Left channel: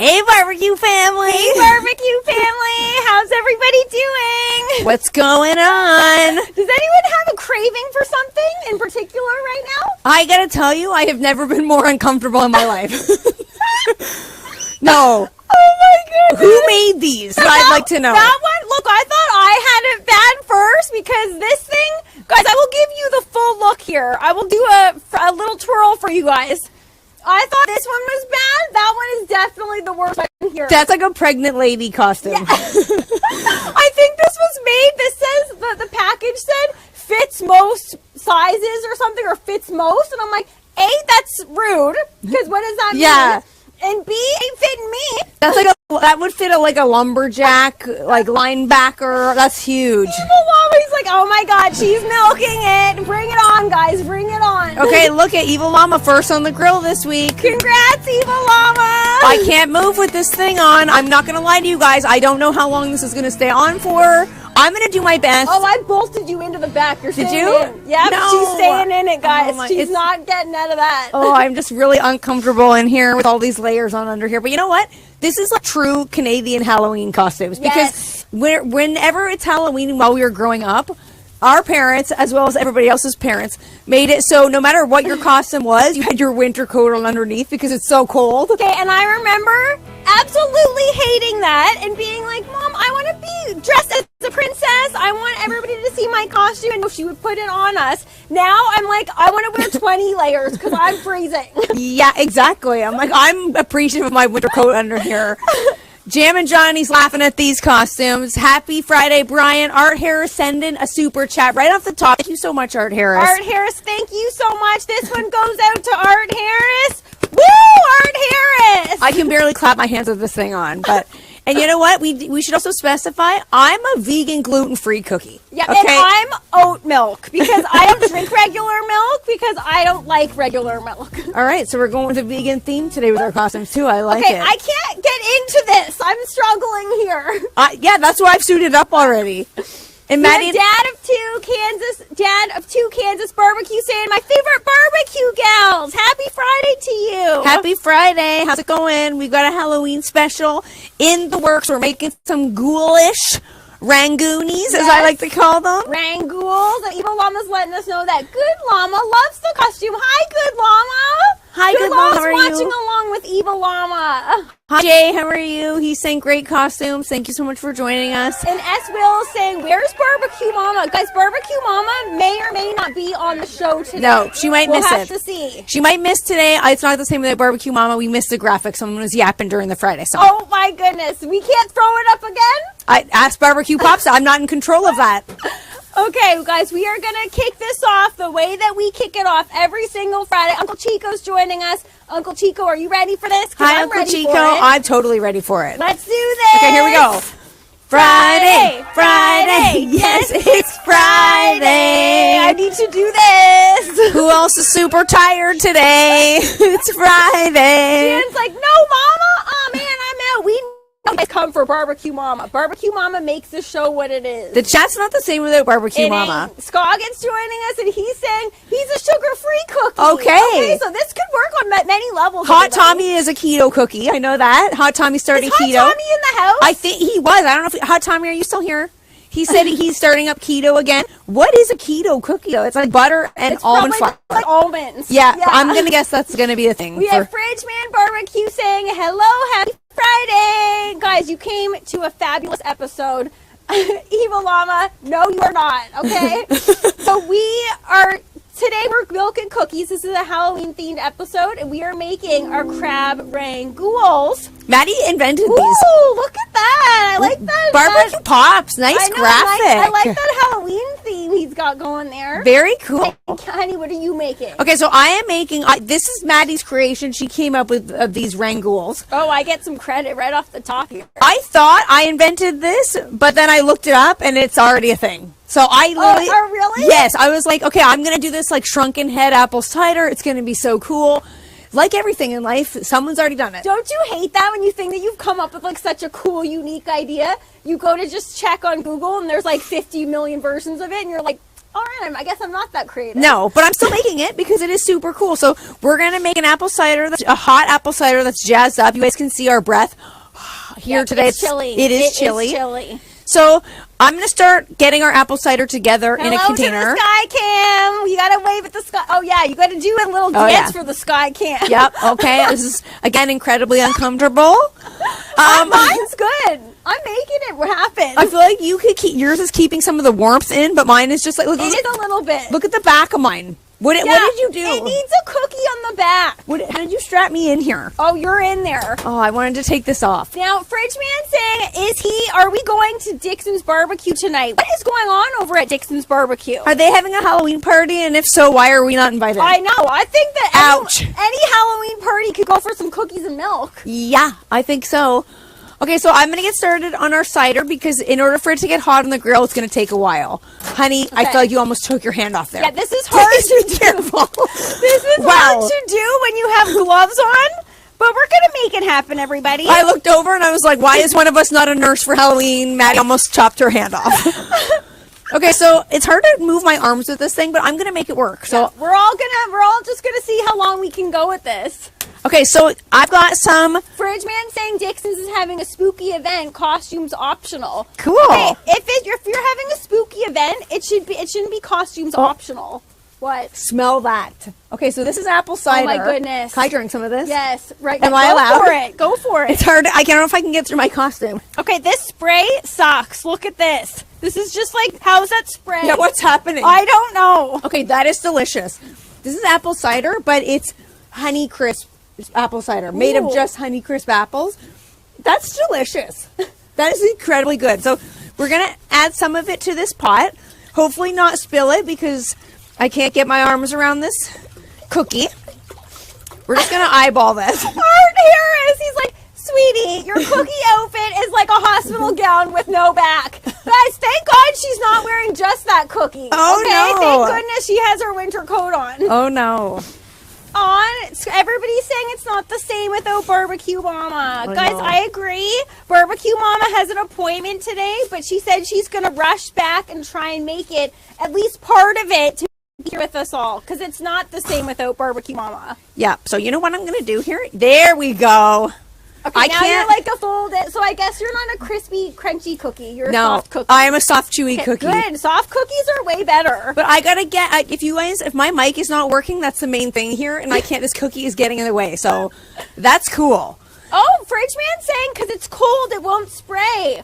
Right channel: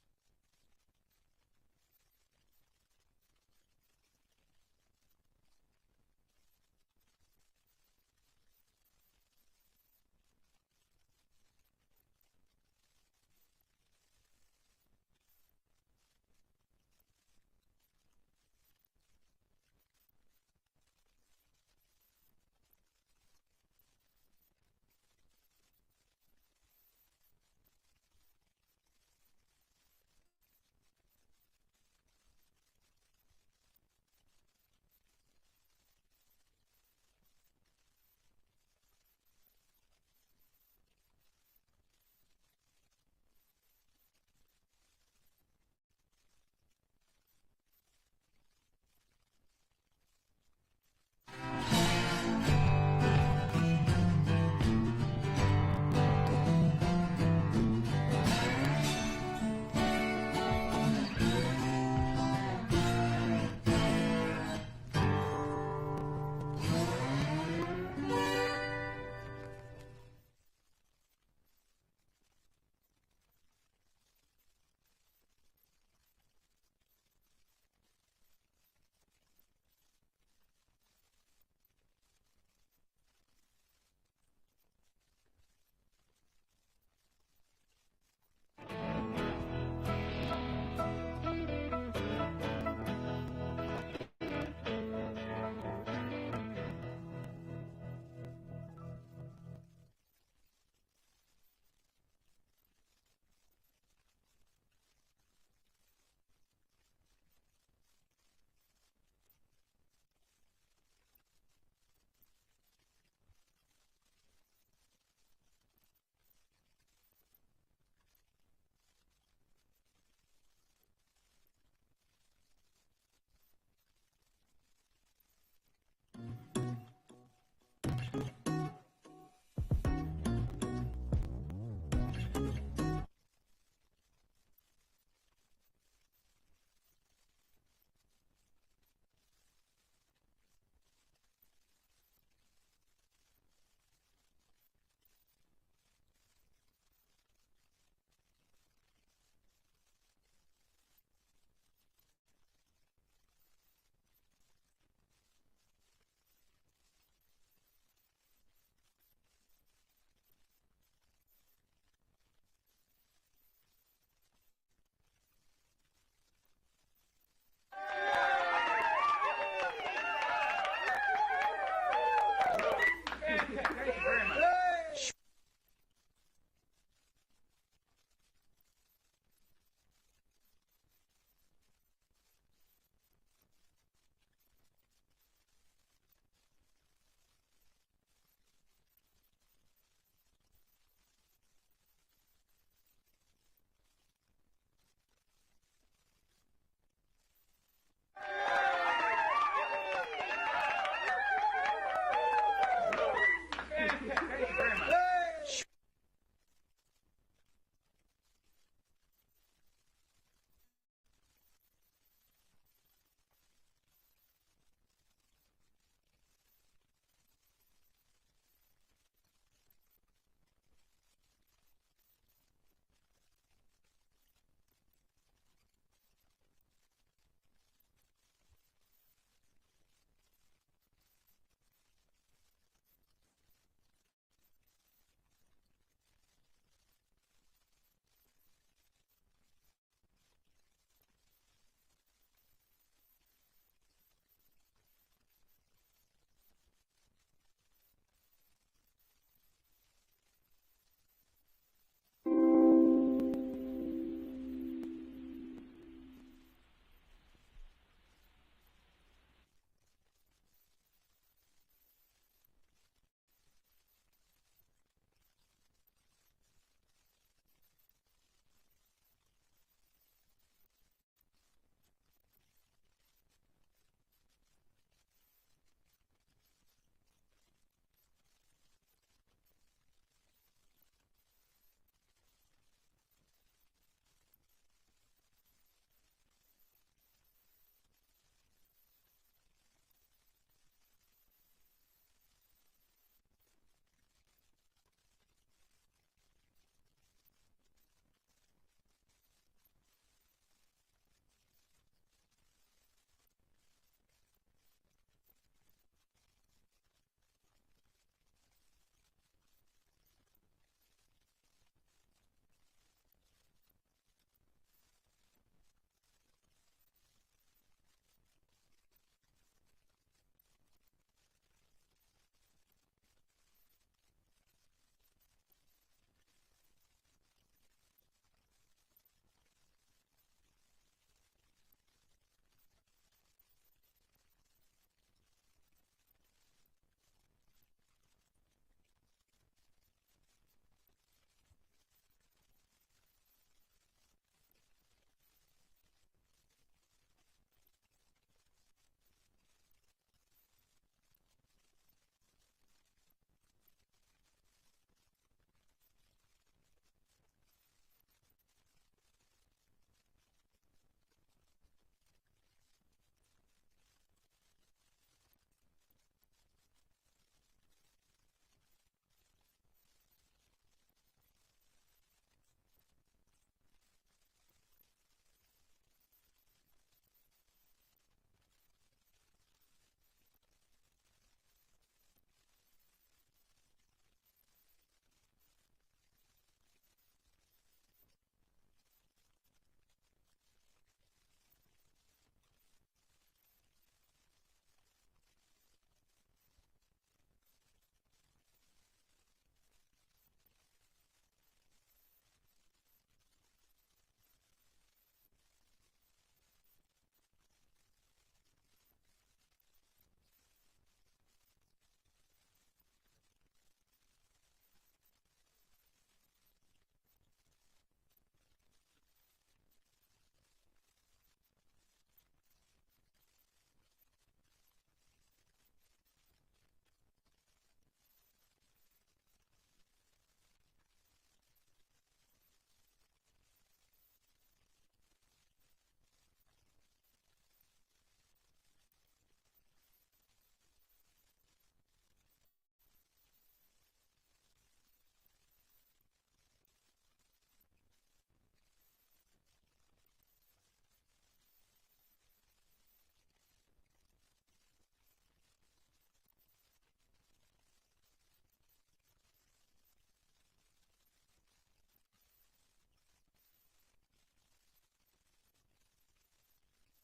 Hey, barbecue family. Hey, barbecue family. How's everybody doing? What's going on? Does anyone have a craving for something in particular right now? I gotta tell you, I have never been more uncomfortable in my life. No. Oh my goodness. Who made these? I'd like to know. That one, look, I thought I had it bad first because this thing, guys, I will give you the full look here. I will do a little twirl for you guys. I thought this one was bad. That one is definitely the worst one here. That's like a pregnant lady costume. Yeah. I think this was made, this says, the package said fits most sizes or something, or fits most. And I'm like, A, that's rude, because what does that mean? And B, ain't fitting me. That's like that would fit like a lumberjack, like linebacker. That's huge. Evil Mama's like, oh my God, she's milking it. Bring it on, guys. Bring it on. Okay, look at Evil Mama first on the grill this week. Congrats, Evil Mama. I can't move with this thing on. I'm not going to lie to you guys. I don't know how long this is going to stay on for. I'm going to do my best. Oh, I bolted you into the back. You're Did staying you? in. Yeah, No. she's staying in it, guys. Oh She's not getting out of that. Oh, I'm just really uncomfortable in here with all these layers on under here. But you know what? This is like true Canadian Halloween costumes. Because whenever it's Halloween while we were growing up, our parents, as well as everybody else's parents, made it so no matter what your costume was, you had your winter coat on underneath because it's so cold. Okay, and I remember absolutely hating that and being like, Mom, I want to be dressed as a princess. I want everybody to see my costume. And she would put it on us. Now I'm like, I want to wear 20 layers because I'm freezing. Yeah, exactly. I'm like, I'm appreciative of my winter coat under here. Jam and Johnny's laughing at these costumes. Happy Friday, Brian. Art Harris sending a super chat right off the top. Thank you so much, Art Harris. Art Harris, thank you so much. This one goes out to Art Harris. Woo, Art Harris. I can barely clap my hands with this thing on, but... And you know what? We should also specify, I'm a vegan gluten-free cookie. Yeah, okay? And I'm oat milk because I don't drink regular milk because I don't like regular milk. All right, so we're going with a vegan theme today with our costumes, too. I like it. I can't get into this. I'm struggling here. Yeah, that's why I've suited up already. And Maddie, dad of two Kansas barbecue saying, my favorite barbecue gals. Happy Friday to you. Happy Friday. How's it going? We've got a Halloween special in the works. We're making some ghoulish rangoonies, as I like to call them. ranGHOULS. Evil Llama's letting us know that Good Llama loves the costume. Hi, Good Llama. Hi, Good Llama. How are you? Watching along with Evil Llama. Hi, Jay. How are you? He's saying great costumes. Thank you so much for joining us. And S. Will is saying, where's Barbecue Mama? Guys, Barbecue Mama may or may not be on the show today. No, she might miss it. We'll have to see. She might miss today. It's not the same with Barbecue Mama. We missed the graphics. Someone was yapping during the Friday song. Oh, my goodness. We can't throw it up again? I asked Barbecue Pops. I'm not in control of that. Okay, guys, we are going to kick this off the way that we kick it off every single Friday. Uncle Chico's joining us. Uncle Chico, are you ready for this? Hi, Uncle Chico. I'm totally ready for it. Let's do this. Okay, here we go. Friday, Friday. Yes, it's Friday. I need to do this. Who else is super tired today? It's Friday. Jan's like, no, Mama. Oh, man, I'm out. We guys come for Barbecue Mama. Barbecue Mama makes the show what it is. The chat's not the same without Barbecue Mama. Scoggins joining us, and he's saying he's a sugar-free cookie. Okay, so this could work on many levels. Hot Tommy is a keto cookie. I know that. Hot Tommy's starting keto. Is Hot Tommy in the house? I think he was. I don't know if Hot Tommy, are you still here? He said he's starting up keto again. What is a keto cookie, though? It's like butter and almond flour. Like almonds. Yeah, I'm going to guess that's going to be a thing. We have Fridge Man Barbecue saying, hello, happy Friday. Guys, you came to a fabulous episode. Evil Llama, no, you are not, okay? So today we're milking cookies. This is a Halloween-themed episode, and we are making our crab ranGHOULS. Maddie invented these. Ooh, look at that. I like that. Barbecue Pops. Nice graphic. I like that Halloween theme he's got going there. Very cool. Hey, honey, what are you making? Okay, so I am making, this is Maddie's creation. She came up with these ranGHOULS. Oh, I get some credit right off the top here. I thought I invented this, but then I looked it up, and it's already a thing. So I literally... Oh, really? Yes, I was like, okay, I'm going to do this like shrunken head apple cider. It's going to be so cool. Like everything in life, someone's already done it. Don't you hate that when you think that you've come up with like such a cool, unique idea? You go to just check on Google and there's like 50 million versions of it and you're like, All right, I guess I'm not that creative. No, but I'm still making it because it is super cool. So we're going to make an apple cider, a hot apple cider that's jazzed up. You guys can see our breath here today. It's chilly. It is chilly. It's chilly. So I'm going to start getting our apple cider together in a Hello container. to the sky cam. You got to wave at the sky. Oh, yeah, you got to do a little dance for the sky cam. Yep, okay. This is, again, incredibly uncomfortable. Mine's good. I'm making it happen. I feel like you could keep, yours is keeping some of the warmth in, but mine is just like, look, It is a little bit. Look at the back of mine. What did you do? It needs a cookie on the back. How did you strap me in here? Oh, you're in there. Oh, I wanted to take this off. Now, Fridge Man saying, are we going to Dixon's Barbecue tonight? What is going on over at Dixon's Barbecue? Are they having a Halloween party? And if so, why are we not invited? I know. I think that Ouch. any Halloween party could go for some cookies and milk. Yeah, I think so. Okay, so I'm going to get started on our cider because in order for it to get hot on the grill, it's going to take a while. Honey, I feel like you almost took your hand off there. Yeah, this is hard to do. This is hard to do when you have gloves on, but we're going to make it happen, everybody. I looked over and I was like, why is one of us not a nurse for Halloween? Maddie almost chopped her hand off. Okay, so it's hard to move my arms with this thing, but I'm going to make it work. So yeah, we're all just going to see how long we can go with this. Okay, so I've got some. Fridge Man saying Dixon's is having a spooky event, costumes optional. Cool. Okay, if you're having a spooky event, it shouldn't be costumes optional. What? Smell that. Okay, so this is apple cider. Oh my goodness. Can I drink some of this? Yes, right. Am I allowed? Go for it. Go for it. It's hard. I don't know if I can get through my costume. Okay, this spray sucks. Look at this. This is just like, how's that spray? Yeah, what's happening? I don't know. Okay, that is delicious. This is apple cider, but it's Honey Crisp apple cider made of just Honey Crisp apples. That's delicious. That is incredibly good. So we're going to add some of it to this pot. Hopefully not spill it because I can't get my arms around this cookie. We're just going to eyeball this. Art Harris, he's like, sweetie, your cookie outfit is like a hospital gown with no back. Guys, thank God she's not wearing just that cookie. Oh, okay? no. Thank goodness she has her winter coat on. Oh, no. Everybody's saying it's not the same without Barbecue Mama. I Guys, know. I agree. Barbecue Mama has an appointment today, but she said she's going to rush back and try and make it, at least part of it, to be here with us all, because it's not the same without Barbecue Mama. Yeah, so you know what I'm going to do here? There we go. Okay, now you're like a folded, so I guess you're not a crispy, crunchy cookie. You're a soft cookie. I am a soft, chewy cookie. Good. Soft cookies are way better. But I gotta get, if my mic is not working, that's the main thing here, and I can't, this cookie is getting in the way, so that's cool. Oh, Fridge Man saying because it's cold, it won't spray.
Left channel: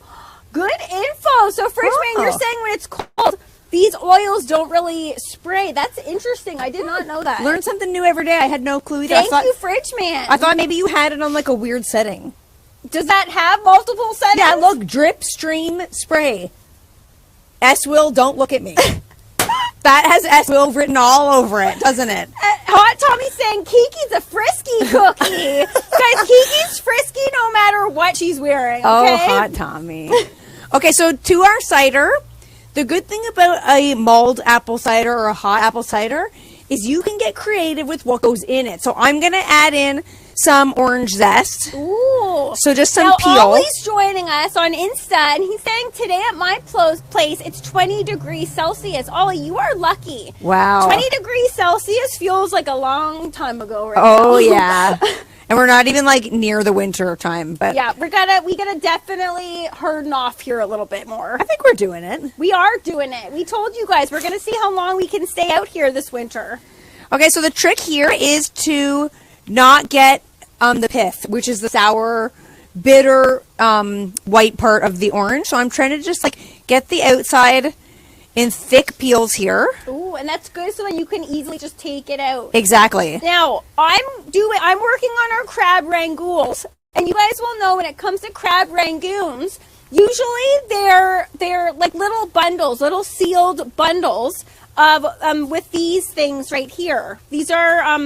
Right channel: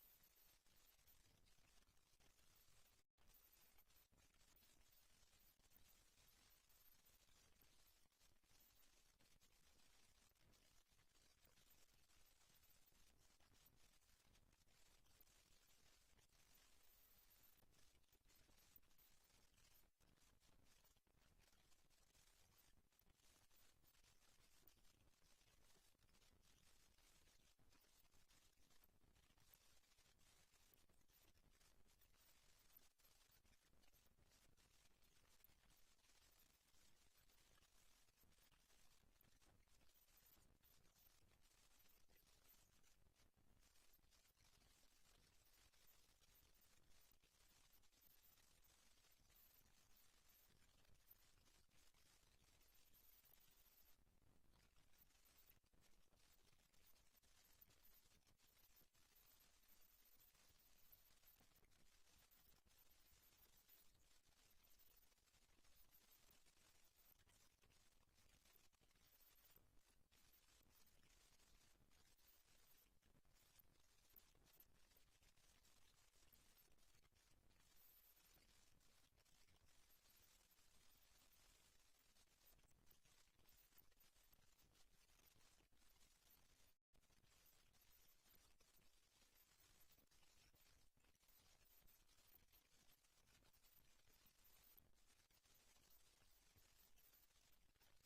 Good info. So, Fridge Man, you're saying when it's cold, these oils don't really spray. That's interesting. I did not know that. Learn something new every day. I had no clue either. Thank you, Fridge Man. I thought maybe you had it on like a weird setting. Does that have multiple settings? Yeah, look, drip, stream, spray. S-Will, don't look at me. That has S-Will written all over it, doesn't it? Hot Tommy saying Kiki's a frisky cookie. Guys, Kiki's frisky no matter what she's wearing, okay? Oh, Hot Tommy. Okay, so to our cider, the good thing about a mulled apple cider or a hot apple cider is you can get creative with what goes in it. So I'm going to add in some orange zest. Ooh. So just some now, peel. Ollie's joining us on Insta, and he's saying today at my place it's 20 degrees Celsius. Ollie, you are lucky. Wow. 20 degrees Celsius feels like a long time ago right now. Oh, yeah. And we're not even like near the winter time, but yeah, we gotta definitely harden off here a little bit more. I think we're doing it. We are doing it. We told you guys we're gonna see how long we can stay out here this winter. Okay, so the trick here is to not get the pith, which is the sour, bitter, white part of the orange. So I'm trying to just like get the outside in thick peels here. Ooh, and that's good so that you can easily just take it out. Exactly. Now, I'm working on our crab rangoons, and you guys will know when it comes to crab rangoons, usually they're like little bundles, little sealed bundles of with these things right here. These are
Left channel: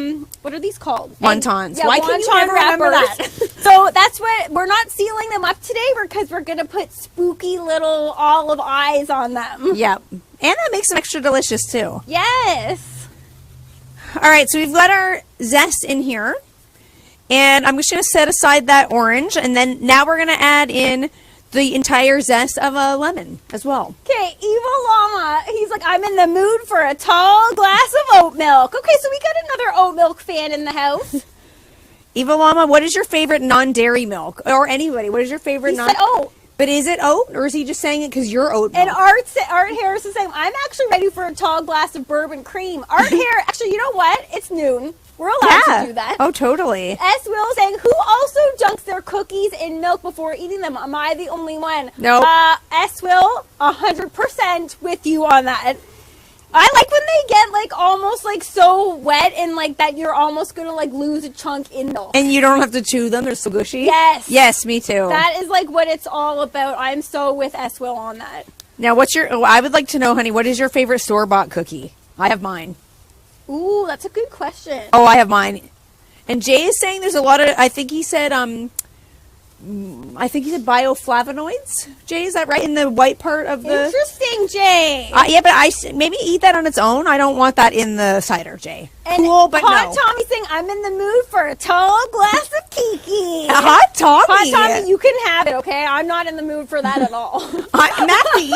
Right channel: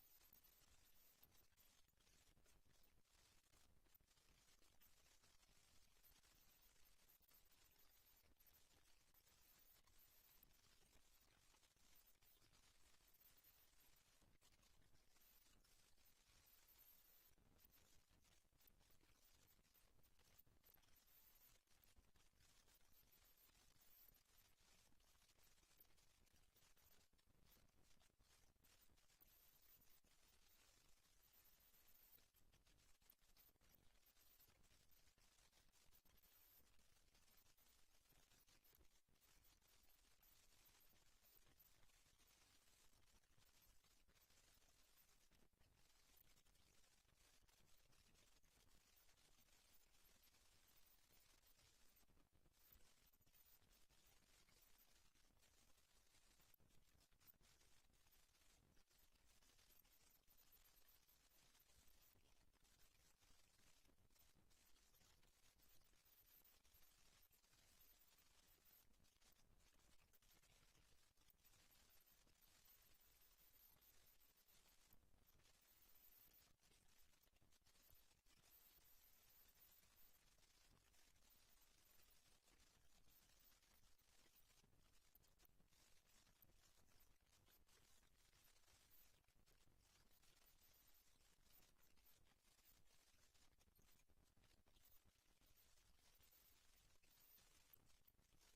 what are these called? Wontons. Yeah, Why wonton can you never remember wrappers. that? So that's what we're not sealing them up today because we're gonna put spooky little olive eyes on them. Yep. And that makes them extra delicious too. Yes. All right, so we've got our zest in here. And I'm just going to set aside that orange. And then now we're going to add in the entire zest of a lemon as well. Okay, Evil Llama, he's like, I'm in the mood for a tall glass of oat milk. Okay, so we got another oat milk fan in the house. Evil Llama, what is your favorite non-dairy milk? Or anybody, what is your favorite He said oat. But is it oat, or is he just saying it because you're oat milk? And Art Harris is saying, I'm actually ready for a tall glass of bourbon cream. Art Harris, actually, you know what? It's noon. We're allowed to do that. Oh, totally. S. Will saying, who also dunks their cookies in milk before eating them? Am I the only one? No. S. Will, 100% with you on that. I like when they get like almost like so wet and like that you're almost gonna like lose a chunk in milk. And you don't have to chew them; they're so gushy. Yes. Yes, me too. That is like what it's all about. I'm so with S. Will on that. Now, I would like to know, honey, what is your favorite store-bought cookie? I have mine. Ooh, that's a good question. Oh, I have mine. And Jay is saying there's a lot of, I think he said bioflavonoids. Jay, is that right? In the white part of the... Interesting, Jay. Yeah, but maybe eat that on its own. I don't want that in the cider, Jay. And cool, but Hot no. Tommy saying, I'm in the mood for a tall glass of Kiki. Hot Tommy. Hot Tommy, you can have it, okay? I'm not in the mood for that at all. Maddie,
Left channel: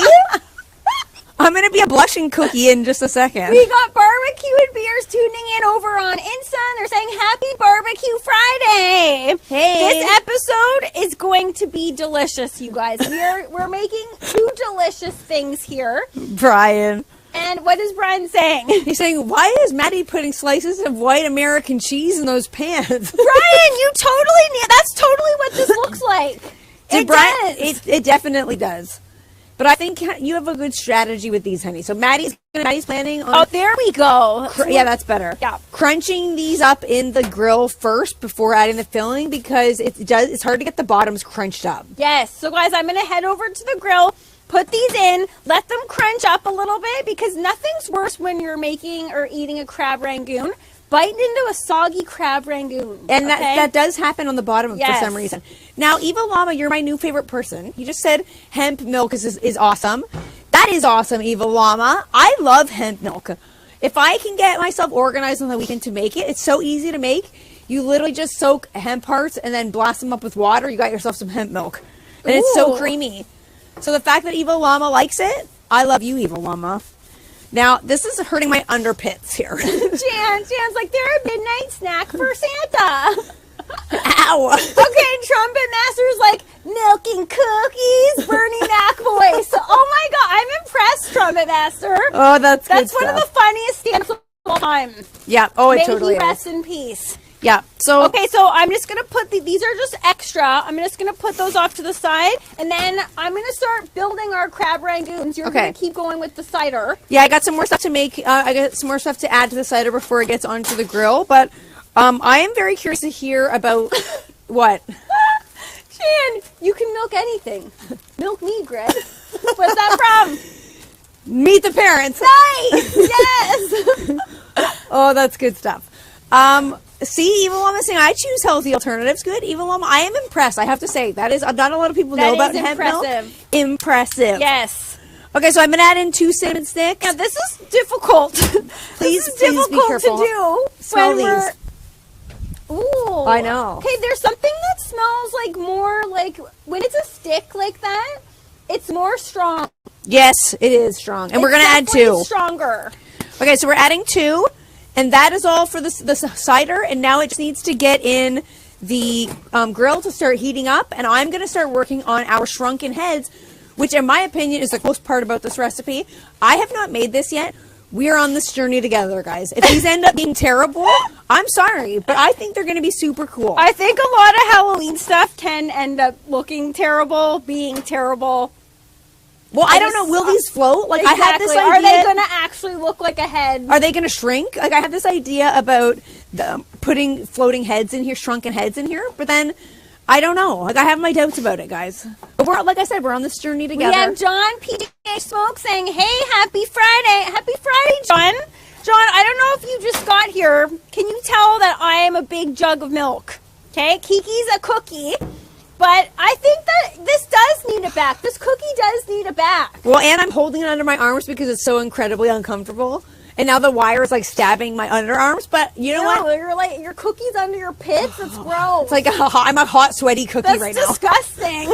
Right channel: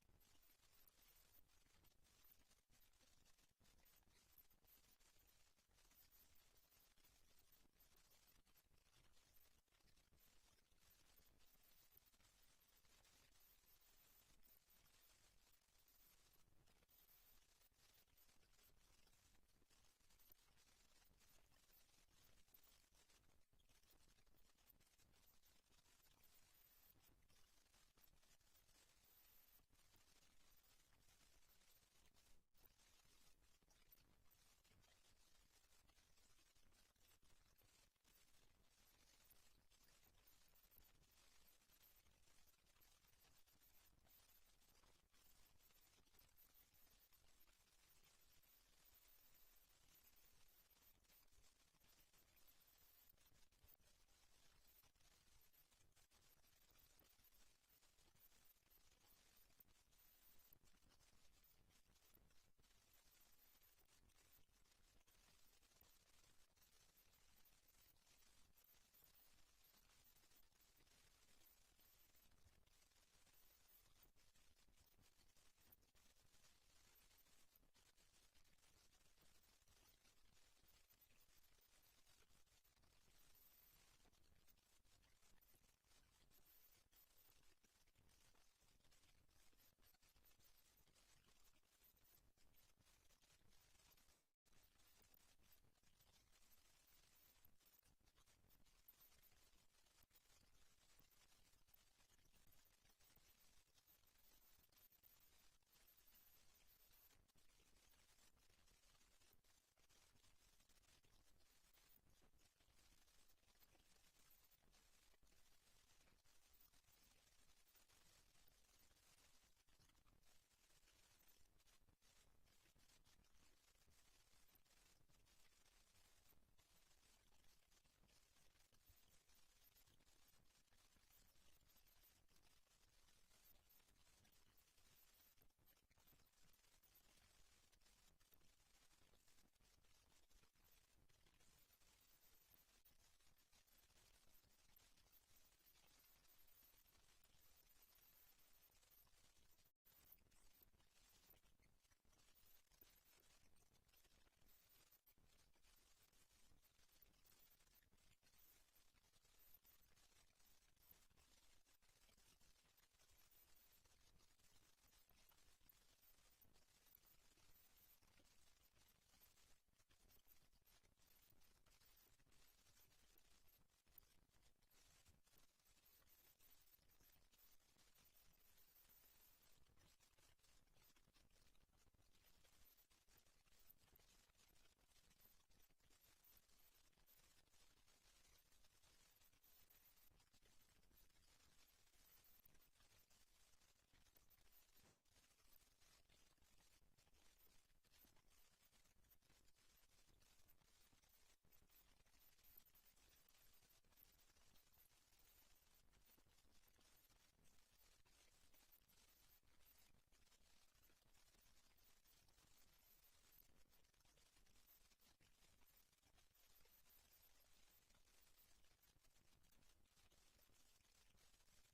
I'm going to be a blushing cookie in just a second. We got Barbecue and Beers tuning in over on Insta. They're saying Happy Barbecue Friday. Hey. This episode is going to be delicious, you guys. We're making two delicious things here. Brian. And what is Brian saying? He's saying, why is Maddie putting slices of white American cheese in those pans? Brian, that's totally what this looks like. It does. It definitely does. But I think you have a good strategy with these, honey. So Maddie's planning on... Oh, there we go. Yeah, that's better. Yeah. Crunching these up in the grill first before adding the filling because it's hard to get the bottoms crunched up. Yes. So, guys, I'm going to head over to the grill, put these in, let them crunch up a little bit because nothing's worse when you're making or eating a crab rangoon. Biting into a soggy crab rangoon. And that does happen on the bottom Yes. for some reason. Now, Evil Llama, you're my new favorite person. You just said hemp milk is awesome. That is awesome, Evil Llama. I love hemp milk. If I can get myself organized on the weekend to make it, it's so easy to make. You literally just soak hemp hearts and then blast them up with water. You got yourself some hemp milk. And it's so creamy. So the fact that Evil Llama likes it, I love you, Evil Llama. Now, this is hurting my underpits here. Jan's like, they're a midnight snack for Santa. Ow. Okay, Trumpet Master's like, milking cookies, Bernie Mac voice. Oh my God, I'm impressed, Trumpet Master. Oh, that's good one of the funniest stamps of all time. Yeah, oh, it May totally he is. rest in peace. Yeah, so... Okay, so I'm just going to put these are just extra. I'm just going to put those off to the side, and then I'm going to start building our crab rangoons. You're going to keep going with the cider. Yeah, I got some more stuff to make. I got some more stuff to add to the cider before it gets onto the grill, but I am very curious to hear about... What? Jan, you can milk anything. Milk me, Greg. What's that from? Meet the Parents. Nice! Yes! Oh, that's good stuff. See, Evil Llama saying I choose healthy alternatives. Good, Evil Llama. I am impressed. I have to say that is not a lot of people know about hemp milk. Impressive. Yes. Okay, so I'm gonna add in 2 cinnamon sticks. Now this is difficult. Please this is difficult be careful. to do. Smell these. Ooh. I know. Okay, there's something that smells like more like when it's a stick like that. It's more strong. Yes, it is strong, and we're gonna add 2. Stronger. Okay, so we're adding 2. And that is all for the cider, and now it just needs to get in the grill to start heating up, and I'm going to start working on our shrunken heads, which in my opinion is the coolest part about this recipe. I have not made this yet. We're on this journey together, guys. If these end up being terrible, I'm sorry, but I think they're going to be super cool. I think a lot of Halloween stuff can end up looking terrible, being terrible. Well, I don't know. Will these float? Like, exactly. I had this idea. Are they going to actually look like a head? Are they going to shrink? Like, I had this idea about putting floating heads in here, shrunken heads in here, but then I don't know. Like, I have my doubts about it, guys. But like I said, we're on this journey together. We have John PJ Smoke saying, "Hey, happy Friday, happy Friday, John." John, I don't know if you just got here. Can you tell that I am a big jug of milk? Okay, Kiki's a cookie. But I think that this does need a back. This cookie does need a back. Well, and I'm holding it under my arms because it's so incredibly uncomfortable. And now the wire is like stabbing my underarms. But you know what? You're like, your cookies under your pits. It's gross. It's like I'm a hot, sweaty cookie right now. That's disgusting.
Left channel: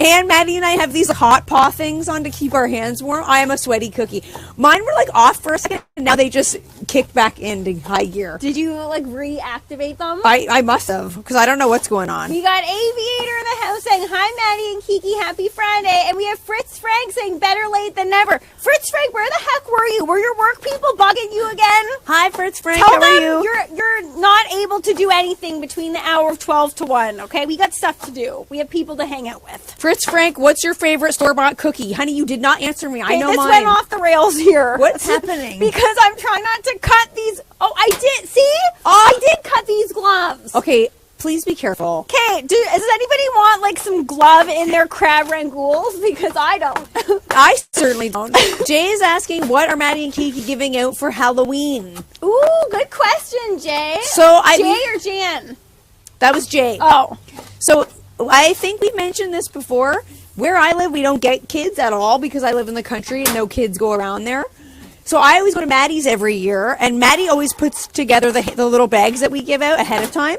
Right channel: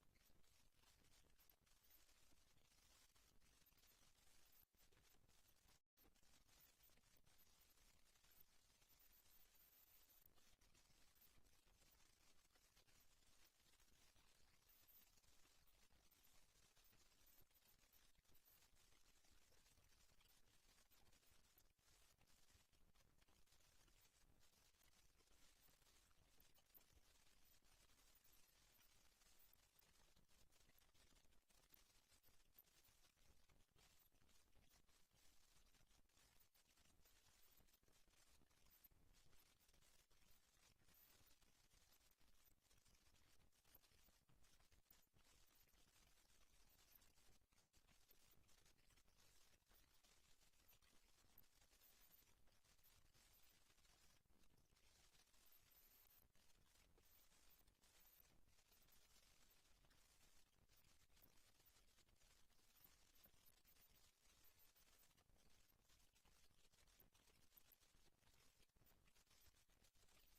And Maddie and I have these hot paw things on to keep our hands warm. I am a sweaty cookie. Mine were like off for a second, and now they just kicked back into high gear. Did you like reactivate them? I must have, because I don't know what's going on. We got Aviator in the house saying, hi, Maddie and Kiki, happy Friday. And we have Fritz Frank saying, better late than never. Fritz Frank, where the heck were you? Were your work people bugging you again? Hi, Fritz Frank. Tell How are them you? you're not able to do anything between the hour of 12 to 1, okay? We got stuff to do. We have people to hang out with. Fritz Frank, what's your favorite store-bought cookie? Honey, you did not answer me. I know this mine. went off the rails here. What's happening? Because I'm trying not to cut these. Oh, I did. See? Oh, I did cut these gloves. Okay, please be careful. Okay, does anybody want like some glove in their crab rangoons? Because I don't. I certainly don't. Jay is asking, what are Maddie and Kiki giving out for Halloween? Ooh, good question, Jay. So Jay or Jan? That was Jay. Oh. So I think we mentioned this before. Where I live, we don't get kids at all because I live in the country and no kids go around there. So I always go to Maddie's every year, and Maddie always puts together the little bags that we give out ahead of time.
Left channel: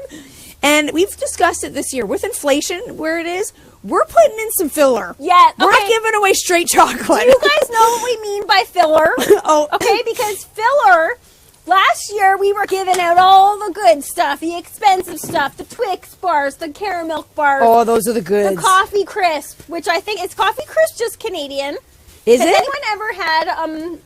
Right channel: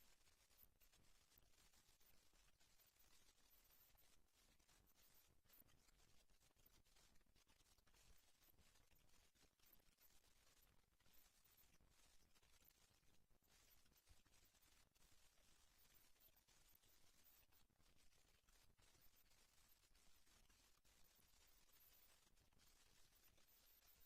And we've discussed it this year. With inflation where it is, we're putting in some filler. Yeah. We're not giving away straight chocolate. Do you guys know what we mean by filler? Oh. Okay, because filler, last year we were giving out all the good stuff, the expensive stuff, the Twix bars, the caramel bars. Oh, those are the goods. The coffee crisp, which I think, is coffee crisp just Canadian? Is Has it? anyone ever had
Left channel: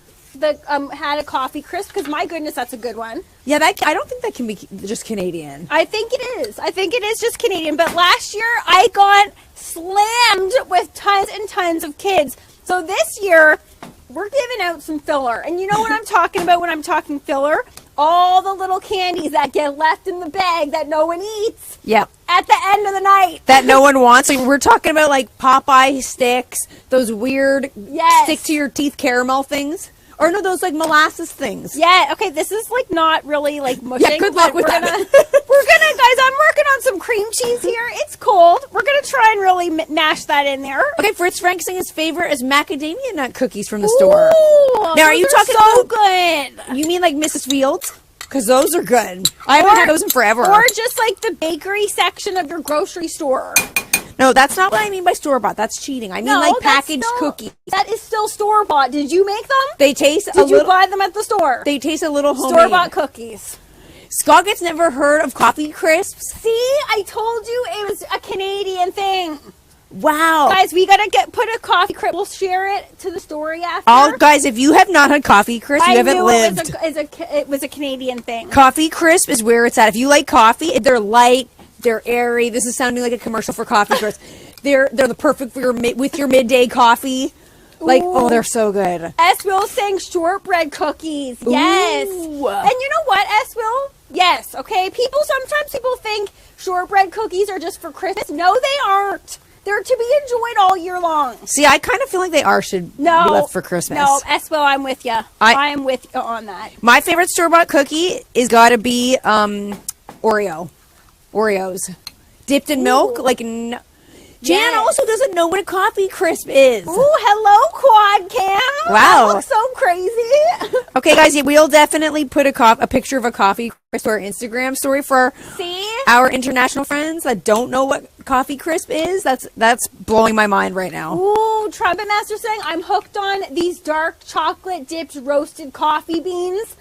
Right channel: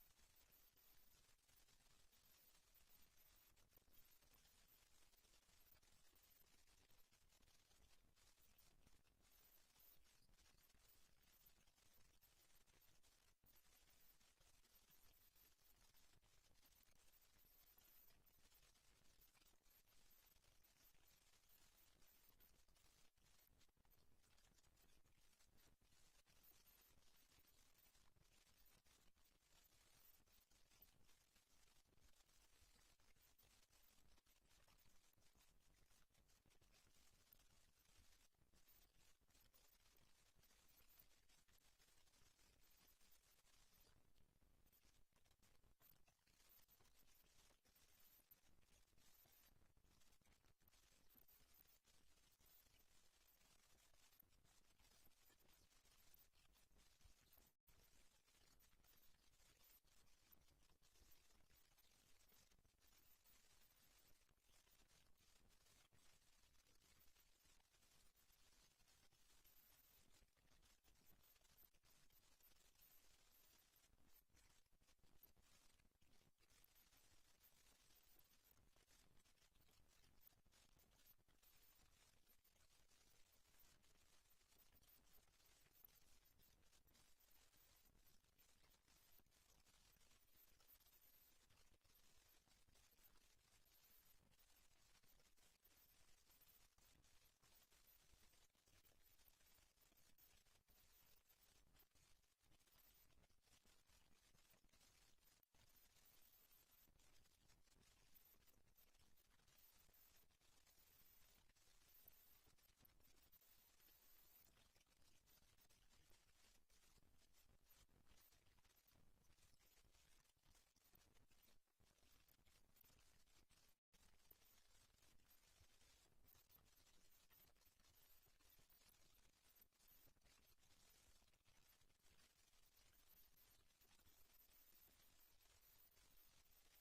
had a coffee crisp? Because my goodness, that's a good one. Yeah, I don't think that can be just Canadian. I think it is. I think it is just Canadian. But last year, I got slammed with tons and tons of kids. So this year, we're giving out some filler. And you know what I'm talking about when I'm talking filler? All the little candies that get left in the bag that no one eats. Yeah. At the end of the night. That no one wants. Like, we're talking about like Popeye sticks, those weird stick to your teeth caramel things. Or no, those like molasses things. Yeah, okay, this is like not really like mushing. Yeah, good luck with that. We're gonna, guys, I'm working on some cream cheese here. It's cold. We're gonna try and really mash that in there. Okay, Fritz Frank saying his favorite is macadamia nut cookies from the store. Ooh, now, are you talking so about good? You mean like Mrs. Fields? Because those are good. I haven't had those in forever. Or just like the bakery section of your grocery store. No, that's not what I mean by store-bought. That's cheating. I mean like packaged cookies. That is still store-bought. Did you make them? They taste Did you buy them at the store? They taste a little homemade. Store-bought cookies. Scott gets never heard of coffee crisps. See, I told you it was a Canadian thing. Wow. Guys, we gotta put a coffee crisp. We'll share it to the story after. Oh, guys, if you have not had coffee crisp, you haven't lived. It was a Canadian thing. Coffee crisp is where it's at. If you like coffee, they're light, they're airy. This is sounding like a commercial for coffee crisp. They're the perfect for your midday coffee. Like, oh, they're so good. S. Will saying shortbread cookies. Yes. Ooh. And you know what, S. Will? Yes. Okay. Sometimes people think shortbread cookies are just for Christmas. No, they aren't. They're to be enjoyed all year long. See, I kind of feel like they should be left for Christmas. No, S. Will, I'm with you. I am with you on that. My favorite store-bought cookie is got to be Oreos. Dipped in milk. Like, Jan also doesn't know what a coffee crisp is. Ooh, hello, Quad Cam. Wow. That looks so crazy. Okay, guys, we'll definitely put a picture of a coffee crisp to our Instagram story for our international friends that don't know what coffee crisp is. That's blowing my mind right now. Ooh, Trumpet Master saying, I'm hooked on these dark chocolate dipped roasted coffee beans.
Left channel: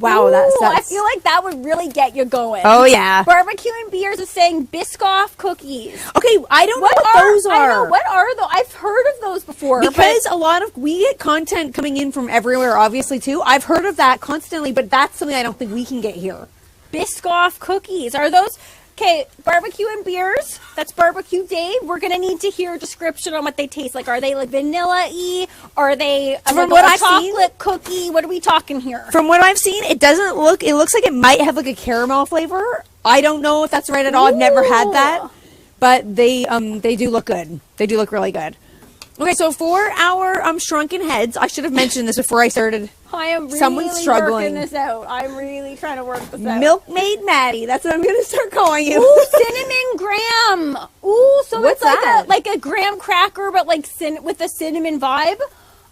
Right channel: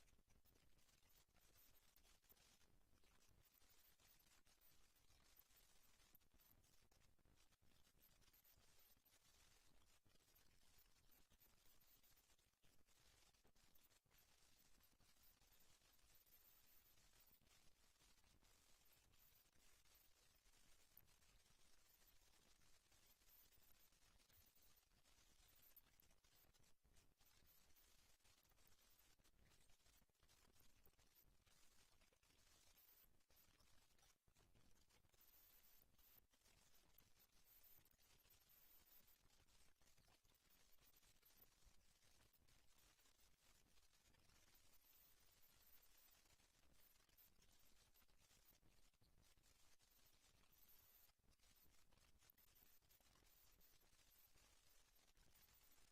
Wow, that's I feel like that would really get you going. Oh, yeah. Barbecue and Beers is saying Biscoff cookies. Okay, I don't know what those are. I know, what are those? I've heard of those before. Because we get content coming in from everywhere, obviously, too. I've heard of that constantly, but that's something I don't think we can get here. Biscoff cookies. Are those... Okay, Barbecue and Beers, that's Barbecue Dave. We're going to need to hear a description on what they taste like. Are they like vanilla-y? Are they a chocolate cookie? What are we talking here? From what I've seen, it looks like it might have like a caramel flavor. I don't know if that's right at all. I've never had that. But they do look good. They do look really good. Okay, so for our shrunken heads, I should have mentioned this before I started. I am really working this out. I'm really trying to work this out. Milkmaid Maddie. That's what I'm going to start calling you. Ooh, cinnamon graham. Ooh, so what's it's that? Like a graham cracker, but like with a cinnamon vibe.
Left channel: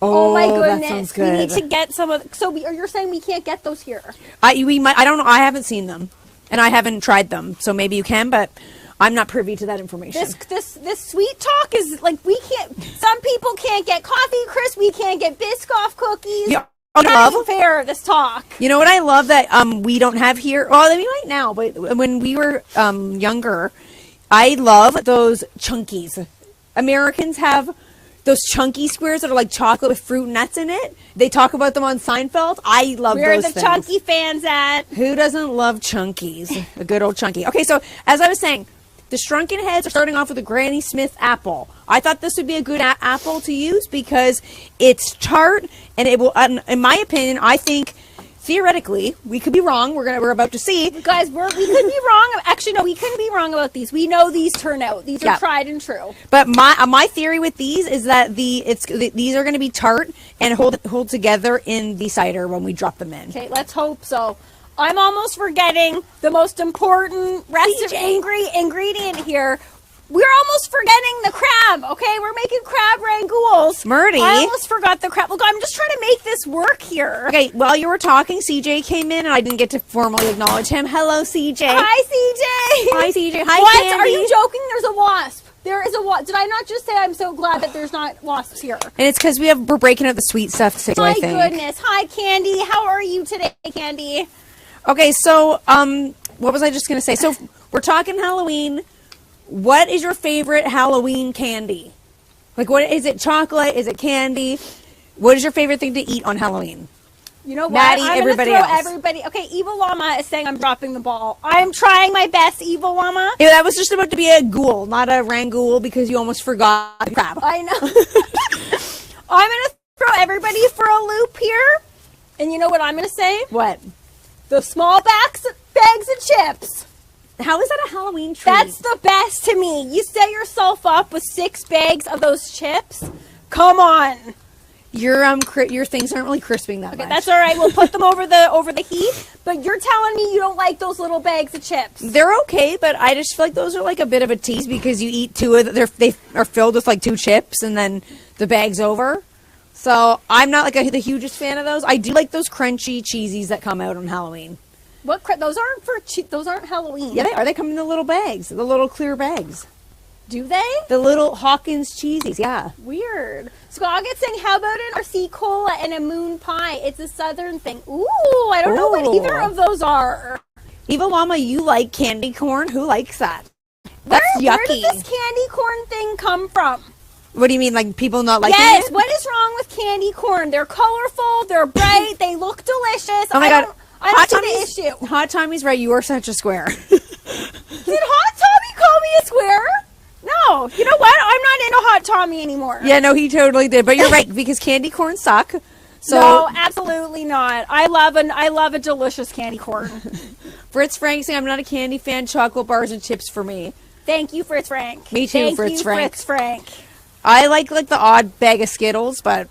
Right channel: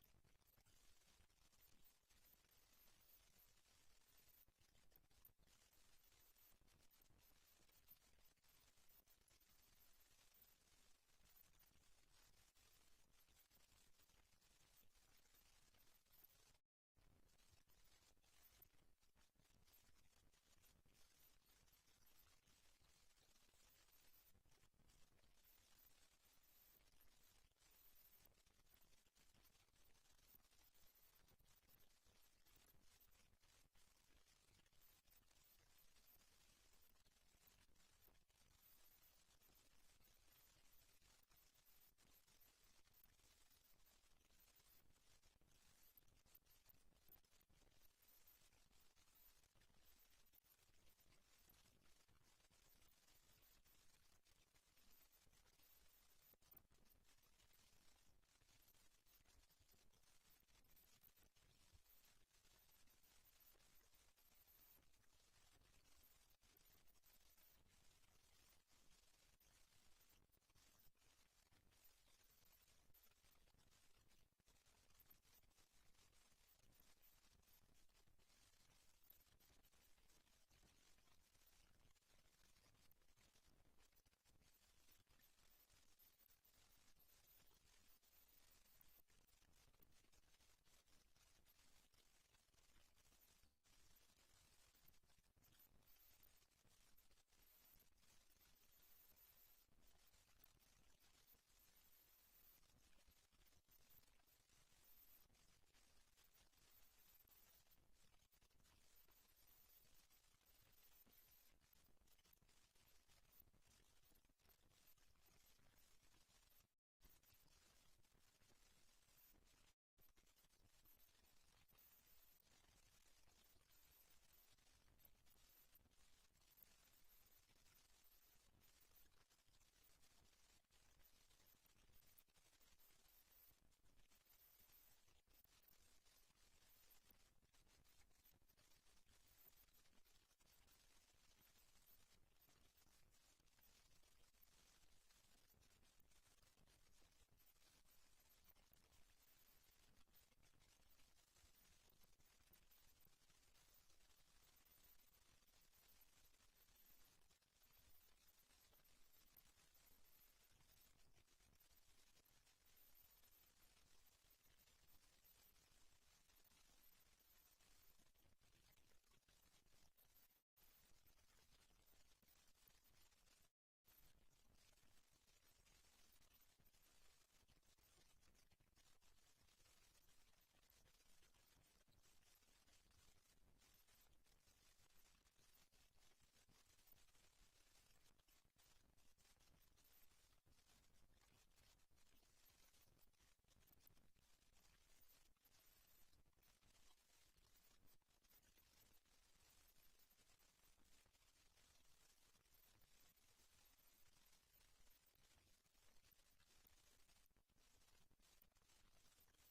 Oh my that goodness. sounds We need good. to get some of, you're saying we can't get those here. We might. I don't know. I haven't seen them, and I haven't tried them. So maybe you can, but I'm not privy to that information. This sweet talk is like, we can't, some people can't get coffee crisp, we can't get Biscoff cookies. Yeah. Not fair, this talk. You know what I love that we don't have here? Well, we might now, but when we were younger, I love those chunkies. Americans have those chunky squares that are like chocolate with fruit and nuts in it. They talk about them on Seinfeld. I love Where those are the things. chunky fans at? Who doesn't love chunkies? A good old chunky. Okay, so as I was saying, the Shrunken Heads are starting off with a Granny Smith apple. I thought this would be a good apple to use because it's tart and it will, in my opinion, I think theoretically, we could be wrong. We're about to see. Guys, we could be wrong. Actually, no, we couldn't be wrong about these. We know these turn out. These are tried and true. But my theory with these is that these are going to be tart and hold together in the cider when we drop them in. Okay, let's hope so. I'm almost forgetting the most important ingredient here. We're almost forgetting the crab, okay? We're making crab rangoons. Murdy. I almost forgot the crab. Look, I'm just trying to make this work here. Okay, while you were talking, CJ came in, and I didn't get to formally acknowledge him. Hello, CJ. Hi, CJ. Hi, CJ. Hi, what? Candy. Are you joking? There's a wasp. There is a wasp. Did I not just say I'm so glad that there's not wasps here? And it's because we're breaking out the sweet stuff too, I think. My goodness. Hi, Candy. How are you today, Candy? Okay, so, what was I just going to say? So, we're talking Halloween. What is your favorite Halloween candy? Like, what is it? Chocolate? Is it candy? What is your favorite thing to eat on Halloween? You know what? Maddie, I'm everybody gonna throw else. everybody. Okay, Evil Llama is saying I'm dropping the ball. I'm trying my best, Evil Llama. Yeah, that was just about to be a ghoul, not a rangoon, because you almost forgot the crab. I know. I'm gonna throw everybody for a loop here, and you know what I'm gonna say? What? The small bags of chips. How is that a Halloween treat? That's the best to me. You set yourself up with 6 bags of those chips. Come on. Your things aren't really crisping that much. That's all right. We'll put them over the heat. But you're telling me you don't like those little bags of chips? They're okay, but I just feel like those are like a bit of a tease because you eat 2 of them. They are filled with like 2 chips, and then the bag's over. So I'm not like the hugest fan of those. I do like those crunchy cheesies that come out on Halloween. What? Those aren't Halloween. Yeah, they are. They come in the little bags, the little clear bags. Do they? The little Hawkins cheesies, yeah. Weird. Scoggett saying, how about an RC cola and a moon pie? It's a southern thing. Ooh, I don't know what either of those are. Evil Llama, you like candy corn? Who likes that? That's yucky. Where did this candy corn thing come from? What do you mean, like people not liking it? Yes, what is wrong with candy corn? They're colorful, they're bright, they look delicious. Oh my God. I don't see the issue. Hot Tommy's right. You are such a square. Did Hot Tommy call me a square? No. You know what? I'm not into Hot Tommy anymore. Yeah, no, he totally did. But you're right, because candy corn suck. So no, absolutely not. I love a delicious candy corn. Fritz Frank saying, I'm not a candy fan. Chocolate bars and chips for me. Thank you, Fritz Frank. Me too, Thank Fritz you, Frank. Fritz Frank. I like the odd bag of Skittles, but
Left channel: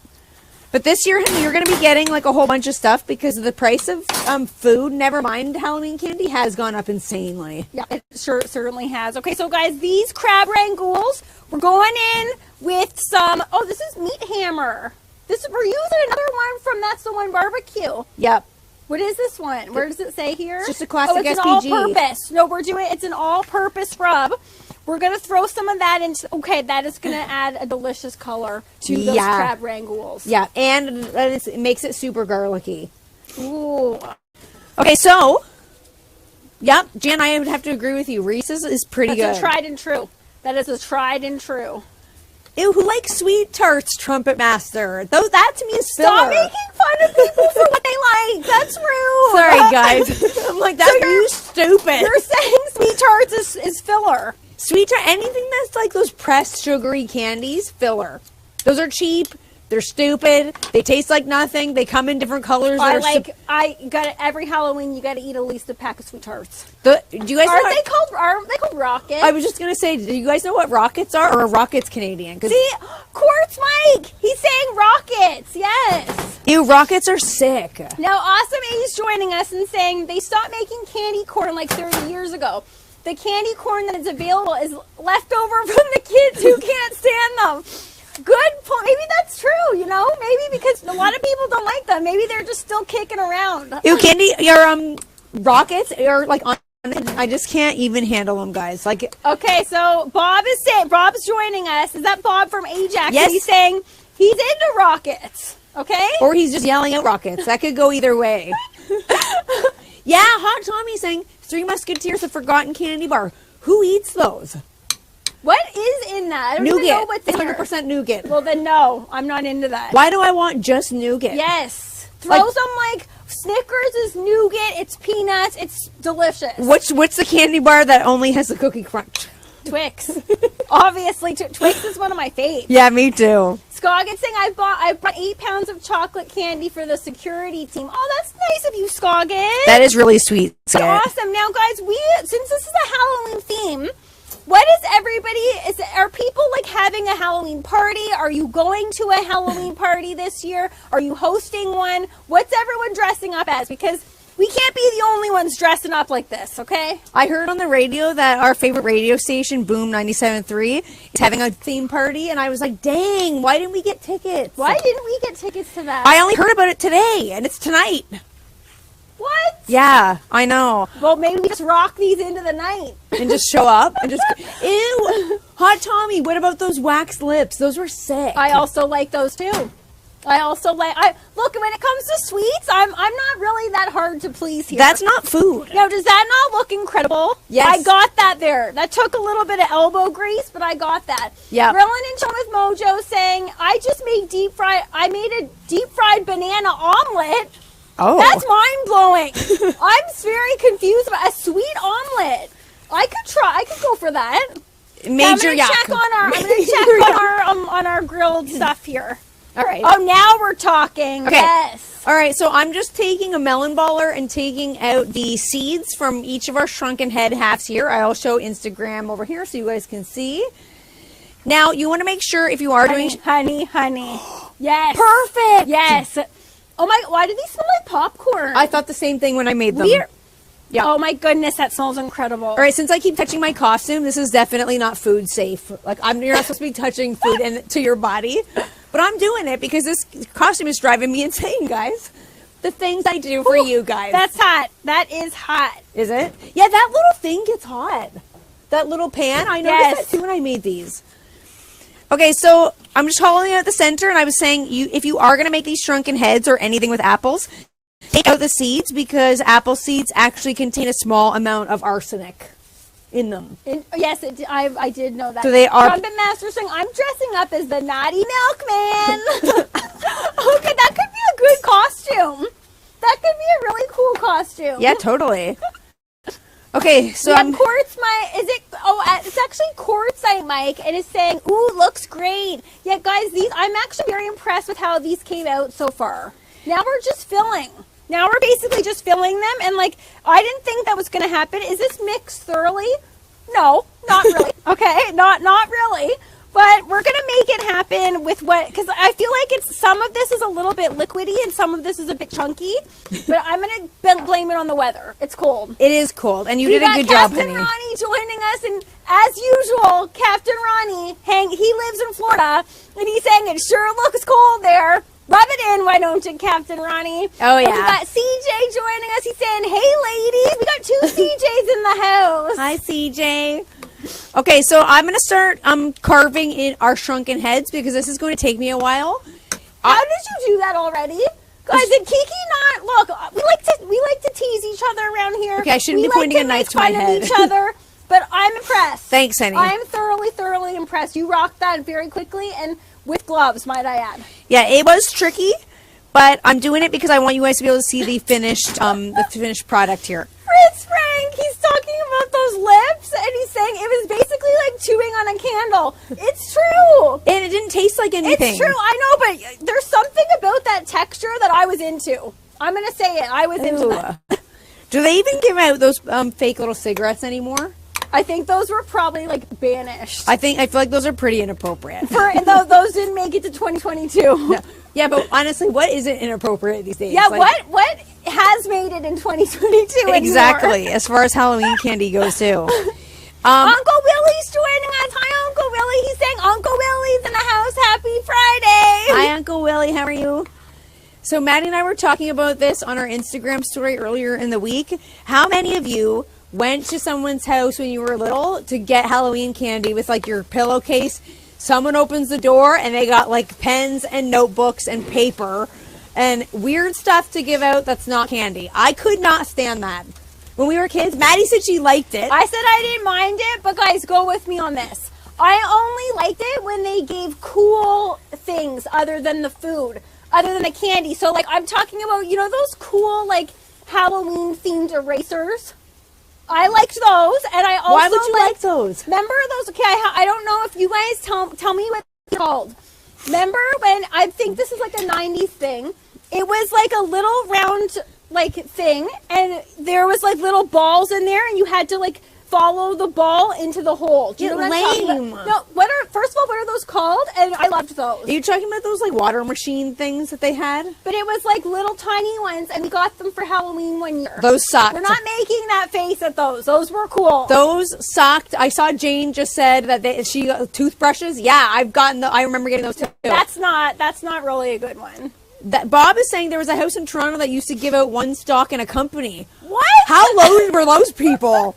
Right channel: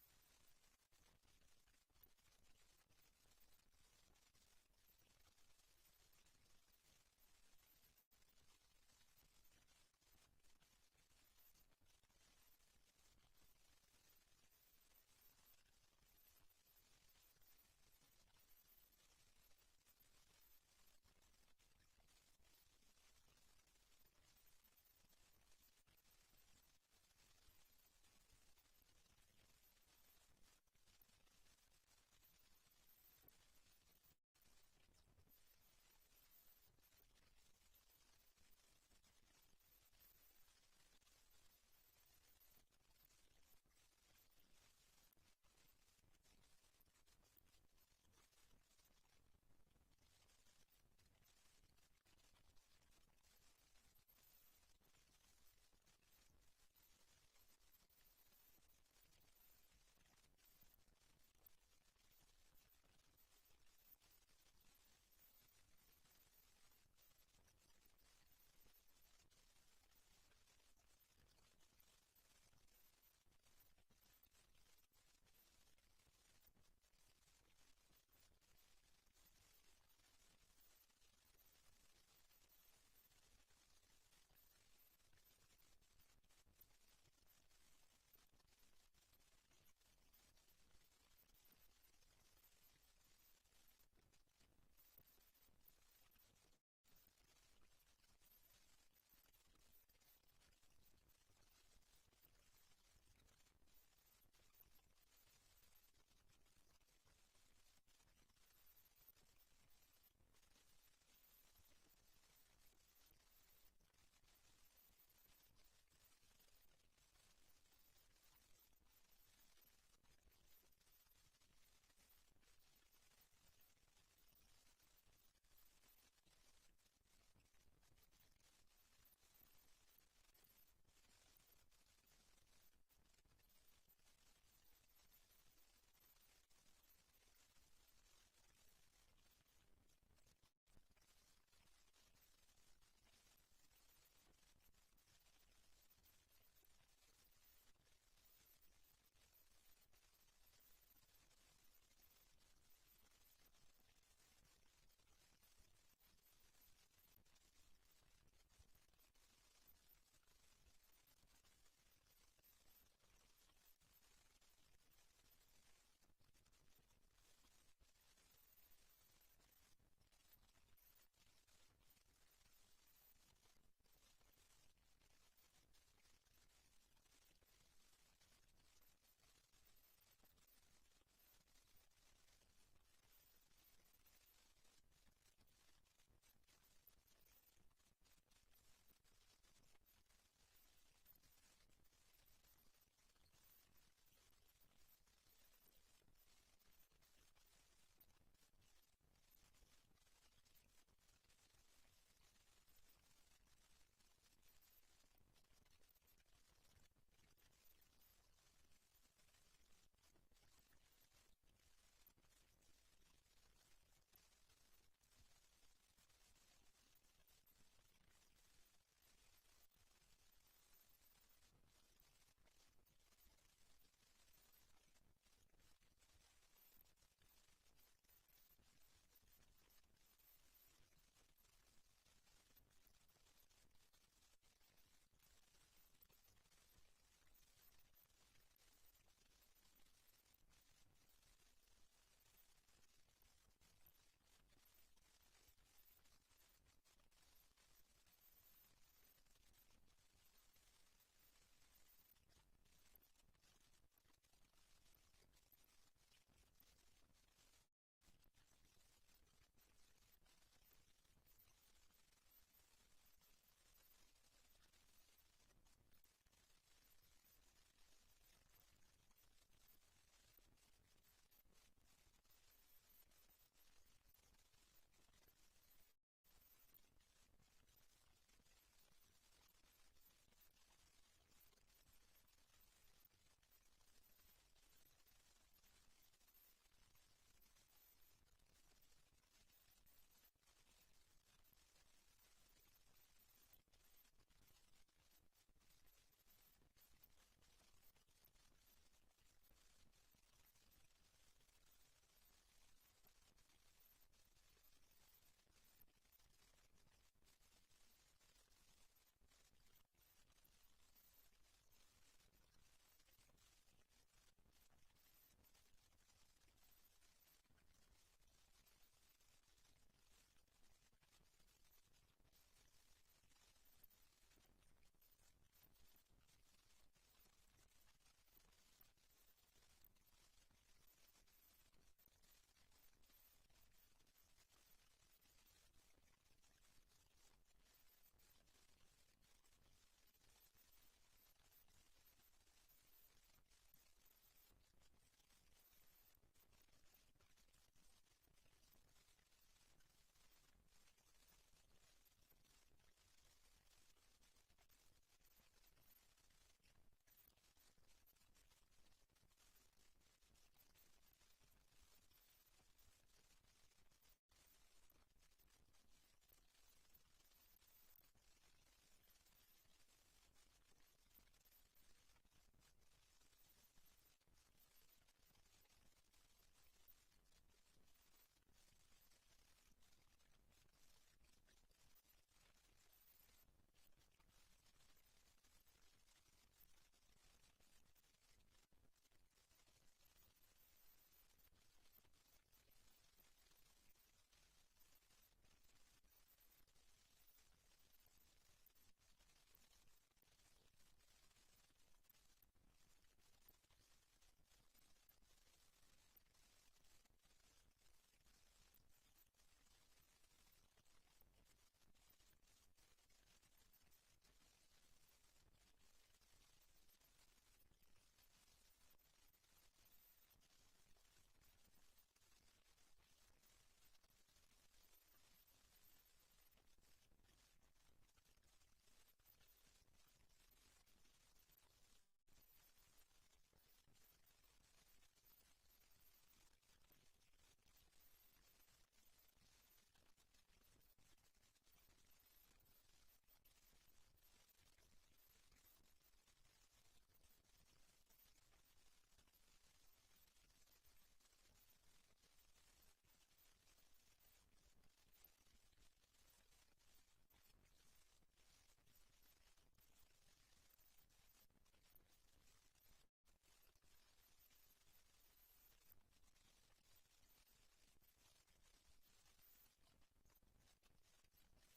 this year you're going to be getting like a whole bunch of stuff because of the price of food, never mind Halloween candy, has gone up insanely. Yeah, it certainly has. Okay, so guys, these crab rangoons, we're going in with some, this is Meat Hammer. We're using another one from That's the One Barbecue. Yep. What is this one? Where does it say here? It's just a classic it's SPG. an all-purpose. No, it's an all-purpose rub. We're going to throw some of that into, okay, that is going to add a delicious color to those crab rangoons. Yeah, and it makes it super garlicky. Ooh. Okay, so, yep, Jan, I would have to agree with you. Reese's is pretty good. That's a tried and true. That is a tried and true. Ew, who likes sweet tarts, Trumpet Master? That to me is filler. Stop making fun of people for what they like. That's rude. Sorry, guys. I'm like, that's you stupid. You're saying sweet tarts is filler. Sweet tart, anything that's like those pressed sugary candies, filler. Those are cheap. They're stupid. They taste like nothing. They come in different colors. Every Halloween you got to eat at least a pack of sweet tarts. Do you guys Aren't they called rockets? I was just gonna say, do you guys know what rockets are, or are rockets Canadian? See, Quartz Mike, he's saying rockets. Yes. Ew, rockets are sick. Now, Awesome A's joining us and saying they stopped making candy corn like 30 years ago. The candy corn that is available is left over from the kids who can't stand them. Good point. Maybe that's true, you know? Maybe because a lot of people don't like them. Maybe they're just still kicking around. Ew, candy, your rockets are like on. I just can't even handle them, guys. Like, okay, so Bob's joining us. Is that Bob from Ajax? Yes. He's saying he's into rockets. Okay. Or he's just yelling out rockets. That could go either way. Yeah, Hot Tommy saying Three Musketeers, a forgotten candy bar. Who eats those? What is in that? I don't even know what's It's in 100% nougat. Well, then no, I'm not into that. Why do I want just nougat? Yes. Throw some like Snickers is nougat. It's peanuts. It's delicious. What's the candy bar that only has the cookie crunch? Twix. Obviously, Twix is one of my faves. Yeah, me too. Scoggins saying I bought 8 pounds of chocolate candy for the security team. Oh, that's nice of you, Scoggins. That is really sweet. That's awesome. Now, guys, since this is a Halloween theme, what is everybody? Are people like having a Halloween party? Are you going to a Halloween party this year? Are you hosting one? What's everyone dressing up as? Because we can't be the only ones dressing up like this, okay? I heard on the radio that our favorite radio station, Boom 97.3, is having a theme party, and I was like, dang, why didn't we get tickets? Why didn't we get tickets to that? I only heard about it today, and it's tonight. What? Yeah, I know. Well, maybe we just rock these into the night. And just show up and just, ew. Hot Tommy, what about those wax lips? Those were sick. I also like those too. Look, when it comes to sweets, I'm not really that hard to please here. That's not food. Now, does that not look incredible? Yes. I got that there. That took a little bit of elbow grease, but I got that. Yeah. Rillin and John with Mojo saying, I made a deep fried banana omelet. Oh. That's mind blowing. I'm very confused about a sweet omelet. I could go for that. Major I'm gonna check on our grilled stuff here. All right. Oh, now we're talking. Okay. Yes. All right, so I'm just taking a melon baller and taking out the seeds from each of our shrunken head halves here. I'll show Instagram over here so you guys can see. Now, you want to make sure if you are doing... Honey. Yes. Perfect. Yes. Oh my, why do these smell like popcorn? I thought the same thing when I made them. Yeah. Oh my goodness, that smells incredible. All right, since I keep touching my costume, this is definitely not food safe. Like, you're not supposed to be touching food to your body. But I'm doing it because this costume is driving me insane, guys. The things I do for you guys. That's hot. That is hot. Is it? Yeah, that little thing gets hot. That little pan. I noticed that too when I made these. Okay, so I'm just hollowing out the center, and I was saying if you are going to make these shrunken heads or anything with apples, take out the seeds because apple seeds actually contain a small amount of arsenic in them. Yes, I did know that. So they are... Trumpet Master saying, I'm dressing up as the Naughty Milkman. Okay, that could be a good costume. That could be a really cool costume. Yeah, totally. Okay, so it's actually Quartzite Mike, and it's saying, ooh, looks great. Yeah, guys, I'm actually very impressed with how these came out so far. Now we're just filling. Now we're basically just filling them, and like, I didn't think that was going to happen. Is this mixed thoroughly? No, not really. Okay, not really. But we're going to make it happen with because I feel like some of this is a little bit liquidy and some of this is a bit chunky. But I'm going to blame it on the weather. It's cold. It is cold, and you did a good job, honey. Captain Ronnie joining us, and as usual, Captain Ronnie, he lives in Florida, and he's saying it sure looks cold there. Rub it in, why don't you, Captain Ronnie? Oh, yeah. And we got CJ joining us. He's saying, hey, ladies. We got 2 CJs in the house. Hi, CJ. Okay, so I'm going to start carving in our shrunken heads because this is going to take me a while. How did you do that already? Guys, did Kiki not... Look, we like to tease each other around here. Okay, I shouldn't be pointing a knife to my head. Each other, but I'm impressed. Thanks, honey. I am thoroughly impressed. You rocked that very quickly and with gloves, might I add. Yeah, it was tricky, but I'm doing it because I want you guys to be able to see the finished product here. Fritz Frank, he's talking about those lips, and he's saying it was basically like chewing on a candle. It's true. And it didn't taste like anything. It's true, I know, but there's something about that texture that I was into. I'm going to say it. I was into that. Do they even give out those fake little cigarettes anymore? I think those were probably like banished. I feel like those are pretty inappropriate. Those didn't make it to 2022. No. Yeah, but honestly, what isn't inappropriate these days? Yeah, like, what has made it in 2022 exactly, anymore? as far as Halloween candy goes too. Uncle Willie's joining us. Hi, Uncle Willie. He's saying Uncle Willie's in the house. Happy Uncle Willie. How are you? So Maddie and I were talking about this on our Instagram story earlier in the week. How many of you went to someone's house when you were little to get Halloween candy with like your pillowcase? Someone opens the door and they got like pens and notebooks and paper and weird stuff to give out that's not candy. I could not stand that. When we were kids, Maddie said she liked it. I said I didn't mind it, but guys, go with me on this. I only liked it when they gave cool things other than the food, other than the candy. So, like, I'm talking about, you know, those cool, like, Halloween-themed erasers? I liked those, and I also Why would you like those? Remember those? Okay, I don't know if you guys tell me what they're called. Remember when, I think this is like a 90s thing. It was like a little round, like, thing, and there was, like, little balls in there, and you had to, like, follow the ball into the hole. Do you know what I'm talking about? No, first of all, what are those called? And I loved those. Are you talking about those like water machine things that they had? But it was like little tiny ones, and we got them for Halloween one year. Those sucked. We're not making that face at those. Those were cool. Those sucked. I saw Jane just said that she got toothbrushes. Yeah, I remember getting those too. That's not really a good one. Bob is saying there was a house in Toronto that used to give out one stock in a company. What? How low were those people?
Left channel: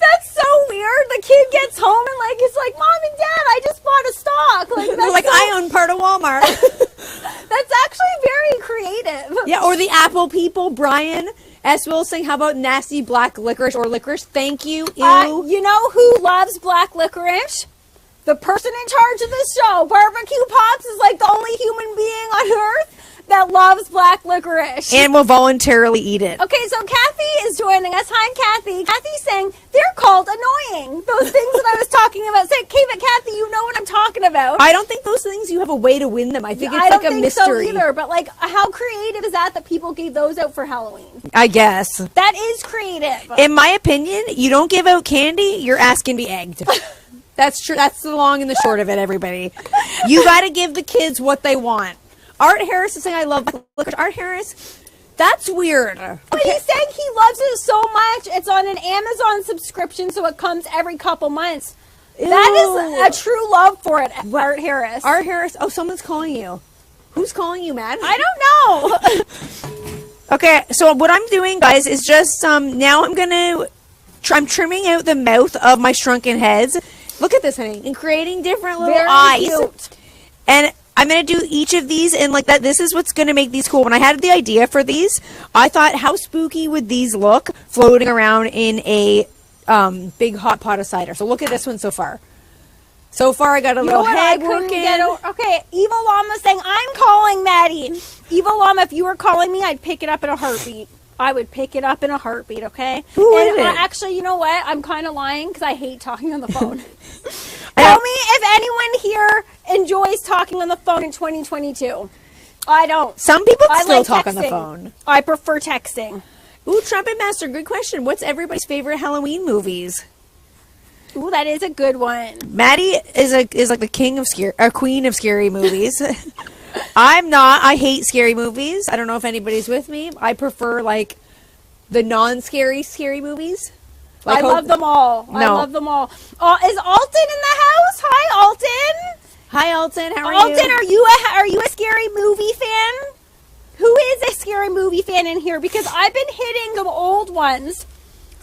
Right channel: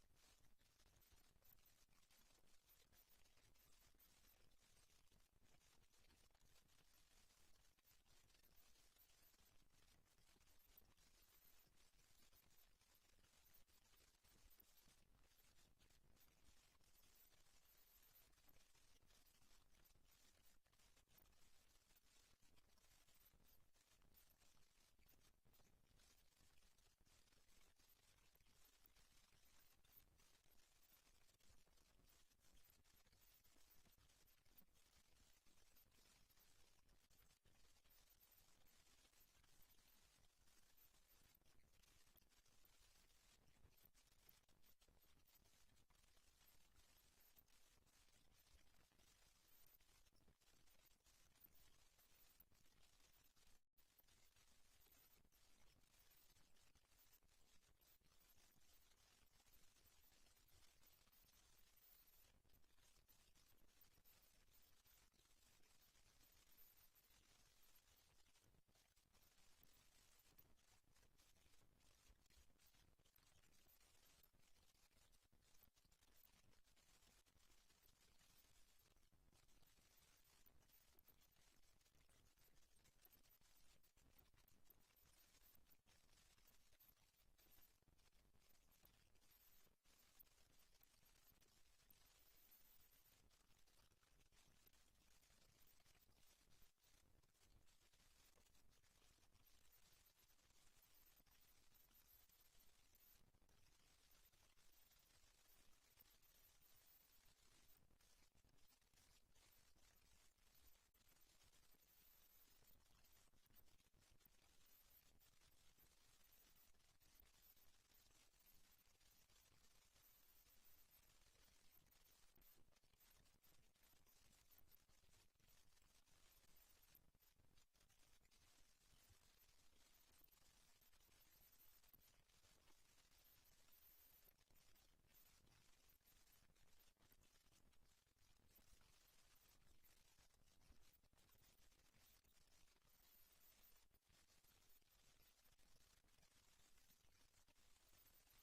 That's so weird. The kid gets home and like it's like, Mom and Dad, I just bought a stock. Like, they're like, I own part of Walmart. That's actually very creative. Yeah, or the Apple people. Brian S. Will saying, how about nasty black licorice or licorice? Thank you. Ew. You know who loves black licorice? The person in charge of this show. Barbecue Pops is like the only human being on earth that loves black licorice. And will voluntarily eat it. Okay, so Kathy is joining us. Hi, Kathy. Kathy's saying they're called annoying. Those things that I was talking about. Say, okay, but Kathy, you know what I'm talking about. I don't think those things you have a way to win them. I think it's like a mystery. I don't think so either, but like how creative is that people gave those out for Halloween? I guess. That is creative. In my opinion, you don't give out candy, your ass can be egged. That's true. That's the long and the short of it, everybody. You got to give the kids what they want. Art Harris is saying, I love licorice. Art Harris, that's weird. But he's saying he loves it so much. It's on an Amazon subscription, so it comes every couple months. Ew. That is a true love for it, Art Harris. Art Harris, oh, someone's calling you. Who's calling you, Matt? I don't know. Okay, so what I'm doing, guys, is just, now I'm trimming out the mouth of my shrunken heads. Look at this, honey. And creating different little eyes. Cute. And I'm going to do each of these and like that. This is what's going to make these cool. When I had the idea for these, I thought, how spooky would these look floating around in a big hot pot of cider? So look at this one so far. So far, I got a little head working. Okay, Evil Llama saying, I'm calling Maddie. Evil Llama, if you were calling me, I'd pick it up in a heartbeat. I would pick it up in a heartbeat, okay? Who is it? Actually, you know what? I'm kind of lying because I hate talking on the phone. Tell me if anyone here enjoys talking on the phone in 2022. I don't. Some people still talk on the phone. I prefer texting. Ooh, Trumpet Master, good question. What's everybody's favorite Halloween movies? Ooh, that is a good one. Maddie is like the king of queen of scary movies. I'm not. I hate scary movies. I don't know if anybody's with me. I prefer like the non-scary scary movies. Like I love them all. No. I love them all. Is Alton in the house? Hi, Alton. Hi, Alton. How are you? Alton, are you a scary movie fan? Who is a scary movie fan in here? Because I've been hitting the old ones.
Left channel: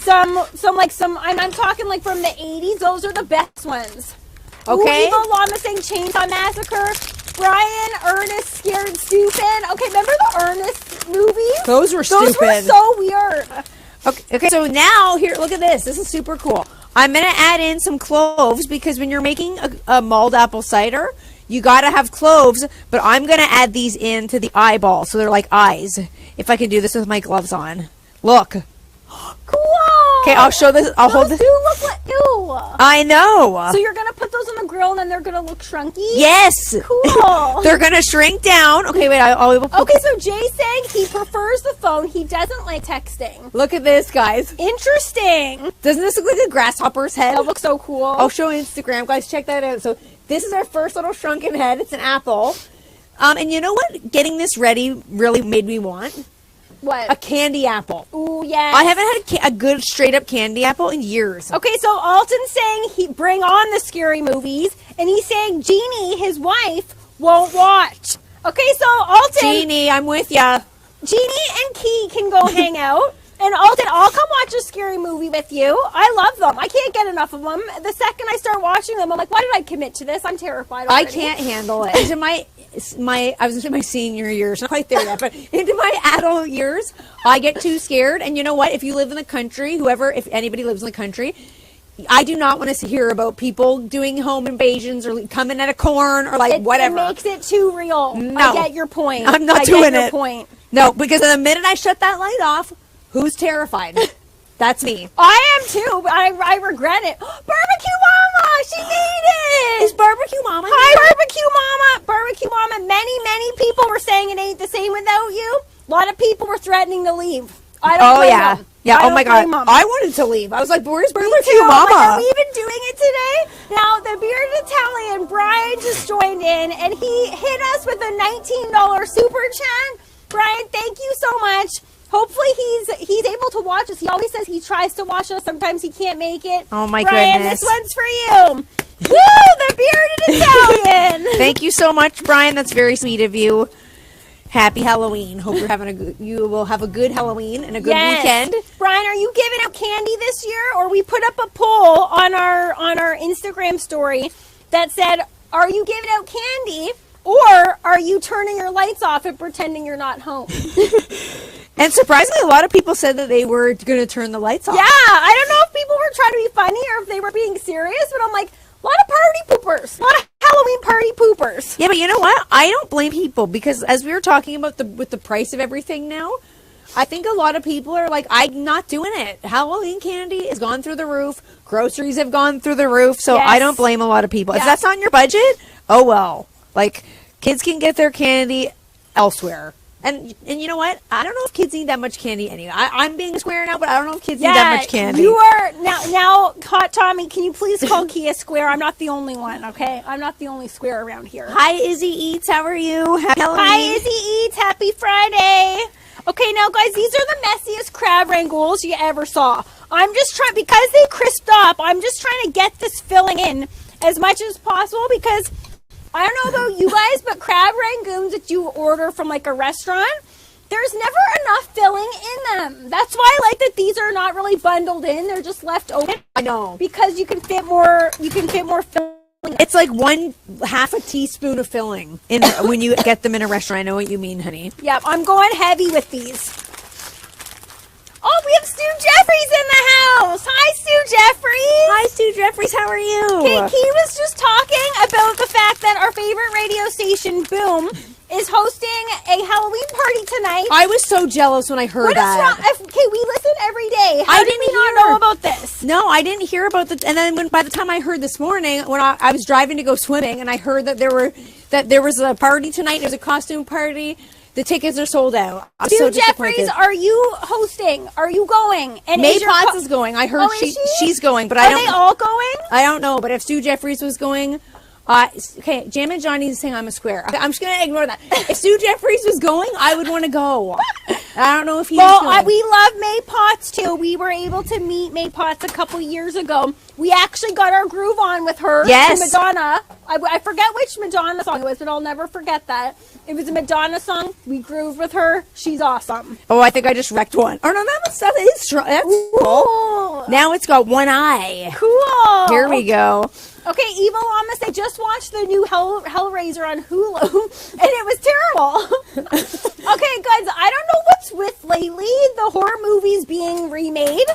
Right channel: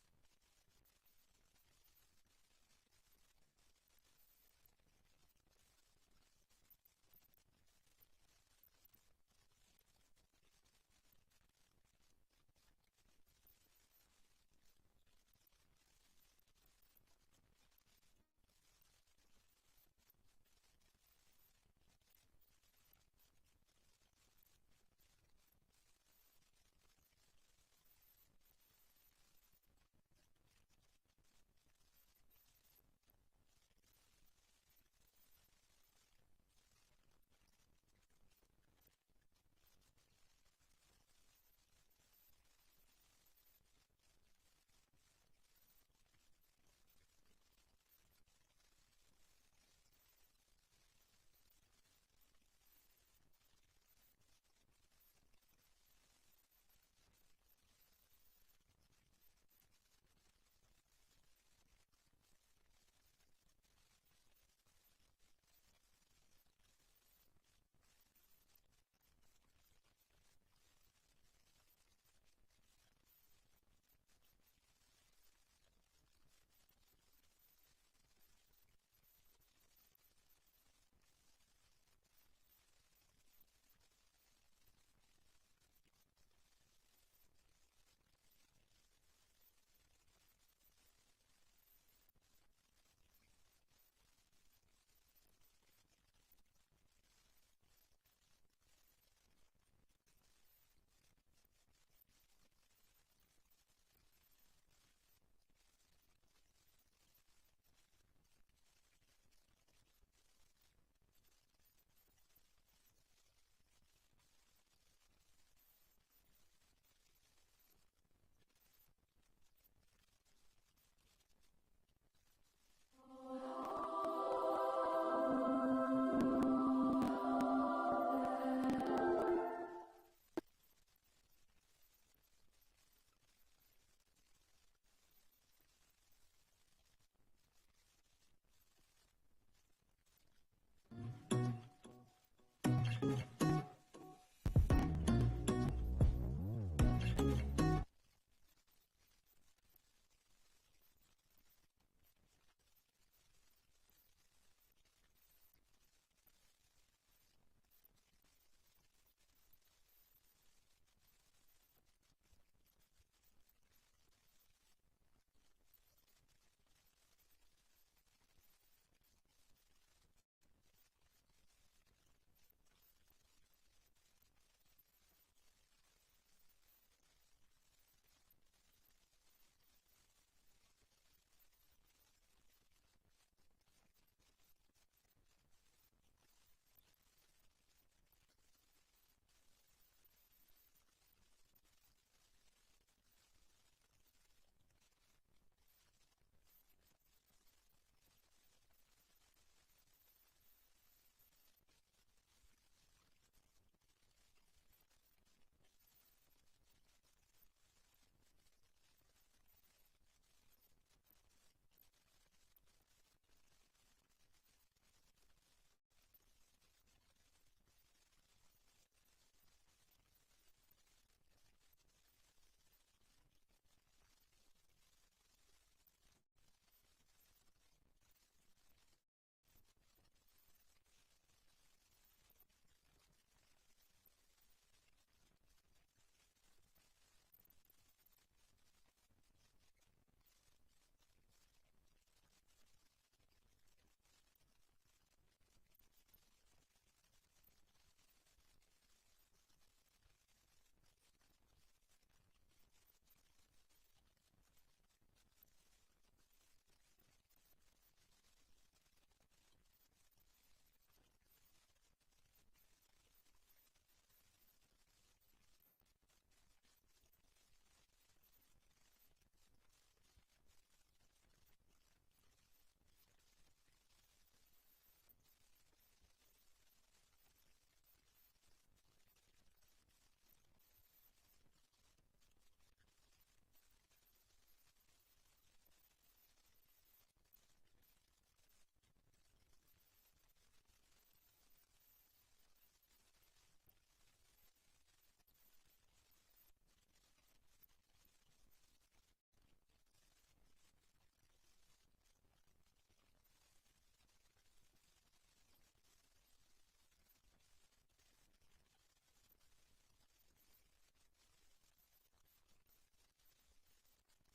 I'm talking like from the 80s. Those are the best ones. Okay. Ooh, Evil Llama saying Chainsaw Massacre. Brian, Ernest, Scared Stupid. Okay, remember the Ernest movies? Those were stupid. Those were so weird. Okay, so now here, look at this. This is super cool. I'm going to add in some cloves because when you're making a mulled apple cider, you got to have cloves, but I'm going to add these into the eyeball so they're like eyes. If I can do this with my gloves on. Look. Cool. Okay, I'll show this. I'll hold this. Those do look like, ew. I know. So you're going to put those on the grill and then they're going to look shrunky? Yes. Cool. They're going to shrink down. Okay, wait. Okay, so Jay's saying he prefers the phone. He doesn't like texting. Look at this, guys. Interesting. Doesn't this look like a grasshopper's head? That looks so cool. I'll show Instagram. Guys, check that out. So this is our first little shrunken head. It's an apple. And you know what getting this ready really made me want? What? A candy apple. Ooh, yes. I haven't had a good straight-up candy apple in years. Okay, so Alton's saying he bring on the scary movies, and he's saying Jeannie, his wife, won't watch. Okay, so Alton, Jeannie, I'm with ya. Jeannie and Key can go hang out. And Alton, I'll come watch a scary movie with you. I love them. I can't get enough of them. The second I start watching them, I'm like, why did I commit to this? I'm terrified already. I can't handle it. Into my I was into my senior years, not quite there yet, but into my adult years, I get too scared. And you know what? If you live in the country, if anybody lives in the country, I do not want to hear about people doing home invasions or coming at a corn or whatever. It makes it too real. No. I get your point. I'm not doing your it. Point. No, because the minute I shut that light off, who's terrified? That's me. I am too, but I regret it. Barbecue Mama, she made it. Is Barbecue Mama? Hi, Barbecue Mama. Barbecue Mama. Many people were saying it ain't the same without you. A lot of people were threatening to leave. I don't blame them. Yeah. Oh my God. Them. I wanted to leave. I was like, "Where's Barbecue Mama? Mama?" Have we been doing it today? Now the Bearded Italian Brian just joined in, and he hit us with a $19 super chat. Brian, thank you so much. Hopefully he's able to watch us. He always says he tries to watch us. Sometimes he can't make it. Oh my Brian, goodness. this one's for you. Woo! The Bearded Italian. Thank you so much, Brian. That's very sweet of you. Happy Halloween. Hope you will have a good Halloween and a good weekend. Brian, are you giving out candy this year? Or we put up a poll on our Instagram story that said, are you giving out candy or are you turning your lights off and pretending you're not home? And surprisingly, a lot of people said that they were going to turn the lights off. Yeah, I don't know if people were trying to be funny or if they were being serious, but I'm like, a lot of party poopers. A lot of Halloween party poopers. Yeah, but you know what? I don't blame people because as we were talking about with the price of everything now, I think a lot of people are like, I'm not doing it. Halloween candy has gone through the roof. Groceries have gone through the roof. So I don't blame a lot of people. If that's not in your budget, oh well. Like, kids can get their candy elsewhere. And you know what? I don't know if kids need that much candy anyway. I'm being a square now, but I don't know if kids need that much candy. You are now, Hot Tommy. Can you please call Kia Square? I'm not the only one. Okay, I'm not the only square around here. Hi, Izzy Eats. How are you? Happy Halloween. Hi, Izzy Eats. Happy Friday. Okay, now guys, these are the messiest crab rangoons you ever saw. I'm just trying because they crisped up. I'm just trying to get this filling in as much as possible because. I don't know about you guys, but crab rangoons that you order from like a restaurant, there's never enough filling in them. That's why I like that these are not really bundled in; they're just left open. I know because you can fit more. You can fit more filling. It's like half a teaspoon of filling in when you get them in a restaurant. I know what you mean, honey. Yeah, I'm going heavy with these. Oh, we have Stu Jeffries in the house. Hi, Stu Jeffries. Hi, Stu Jeffries. How are you? Okay, he was just talking about the fact that our favorite radio station, Boom, is hosting a Halloween party tonight. I was so jealous when I heard that. What is wrong? Okay, we listen every day. How did we not know about this? No, I didn't hear about the. And then by the time I heard this morning, when I was driving to go swimming, and I heard that there was a party tonight. There's a costume party. The tickets are sold out. I'm so Jeffries, are you hosting? Are you going? And May Potts is going. I heard she's going, but I don't. Are they all going? I don't know, but if Stu Jeffries was going, okay, Jam and Johnny is saying I'm a square. I'm just gonna ignore that. If Stu Jeffries was going, I would want to go. I don't know if he's going. We love May Potts too. We were able to meet May Potts a couple years ago. We actually got our groove on with her. Yes. Madonna. I forget which Madonna song it was, but I'll never forget that. It was a Madonna song. We grooved with her. She's awesome. Oh, I think I just wrecked one. Oh, no, that is strong. That's cool. Now it's got one eye. Cool. Here we go. Okay, Evil Llamas, they just watched the new Hellraiser on Hulu, and it was terrible. Okay, guys, I don't know what's with lately the horror movies being remade,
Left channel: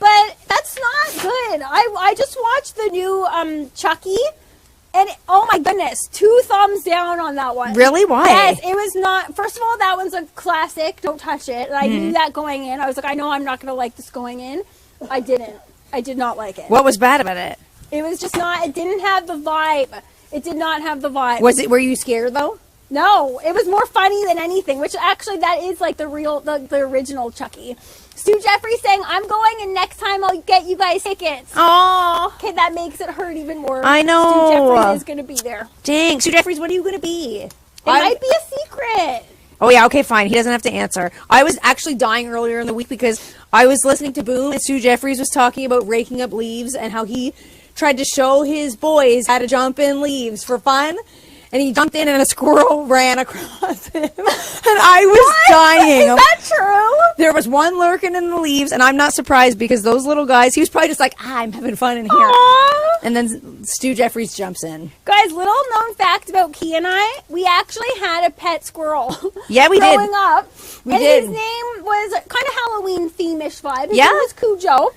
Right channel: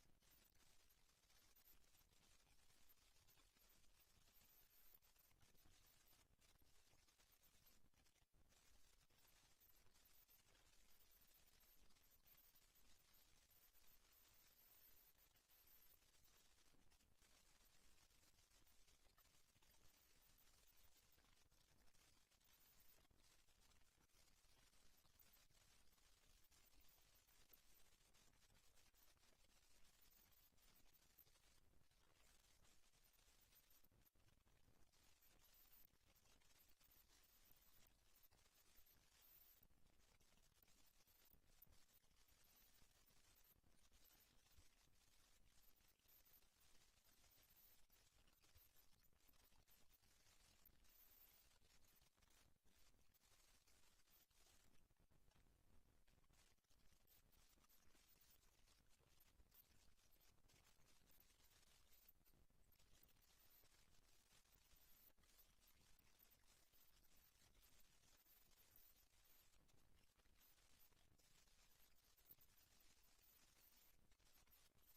but that's not good. I just watched the new Chucky. And oh my goodness, 2 thumbs down on that one. Really? Why? Yes, it was not. First of all, that one's a classic. Don't touch it. And I knew that going in. I was like, I know I'm not going to like this going in. I didn't. I did not like it. What was bad about it? It was just not. It didn't have the vibe. It did not have the vibe. Were you scared though? No, it was more funny than anything. Which actually, that is like the original Chucky. Stu Jeffries saying, I'm going and next time I'll get you guys tickets. Oh. Okay, that makes it hurt even more. I know. Stu Jeffries is going to be there. Dang. Stu Jeffries, what are you going to be? It might be a secret. Oh, yeah. Okay, fine. He doesn't have to answer. I was actually dying earlier in the week because I was listening to Boom and Stu Jeffries was talking about raking up leaves and how he tried to show his boys how to jump in leaves for fun. and he jumped in and a squirrel ran across him. And I was dying. Is that true? There was one lurking in the leaves, and I'm not surprised because those little guys, he was probably just like, I'm having fun in here. Aww. And then Stu Jeffries jumps in. Guys, little known fact about Key and I, we actually had a pet squirrel. Yeah, we did. Growing up. We and did. His name was kind of Halloween theme-ish vibe. His Yeah. name was Cujo.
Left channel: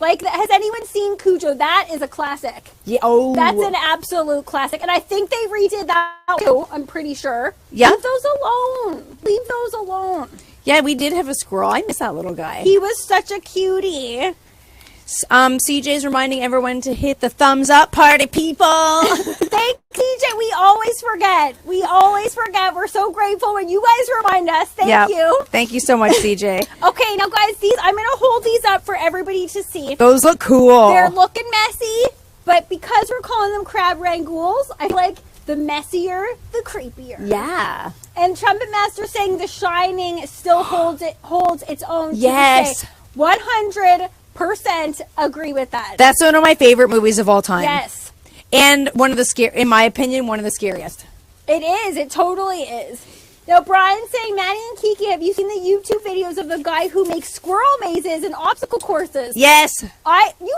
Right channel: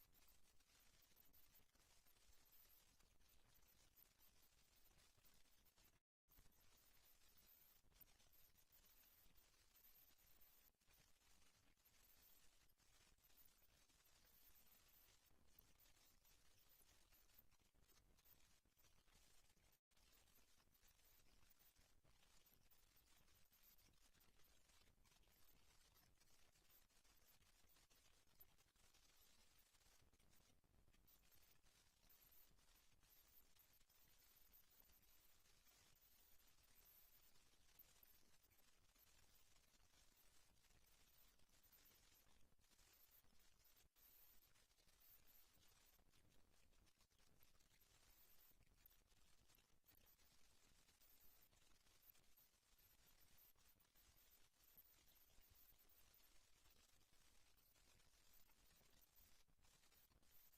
Like, has anyone seen Cujo? That is a classic. Yeah. Oh. That's an absolute classic. And I think they redid that too, I'm pretty sure. Yeah. Leave those alone. Leave those alone. Yeah, we did have a squirrel. I miss that little guy. He was such a cutie. CJ's reminding everyone to hit the thumbs up, party people. Thanks, CJ. We always forget. We always forget. We're so grateful when you guys remind us. Thank you. Thank you so much, CJ. Okay, now guys, I'm going to hold these up for everybody to see. Those look cool. They're looking messy, but because we're calling them crab rangoons, I feel like the messier, the creepier. Yeah. And Trumpet Master saying The Shining still holds its own. Yes. 100% agree with that. That's one of my favorite movies of all time. Yes. And one of the in my opinion, one of the scariest. It is. It totally is. Now, Brian's saying, Maddie and Kiki, have you seen the YouTube videos of the guy who makes squirrel mazes and obstacle courses? Yes. You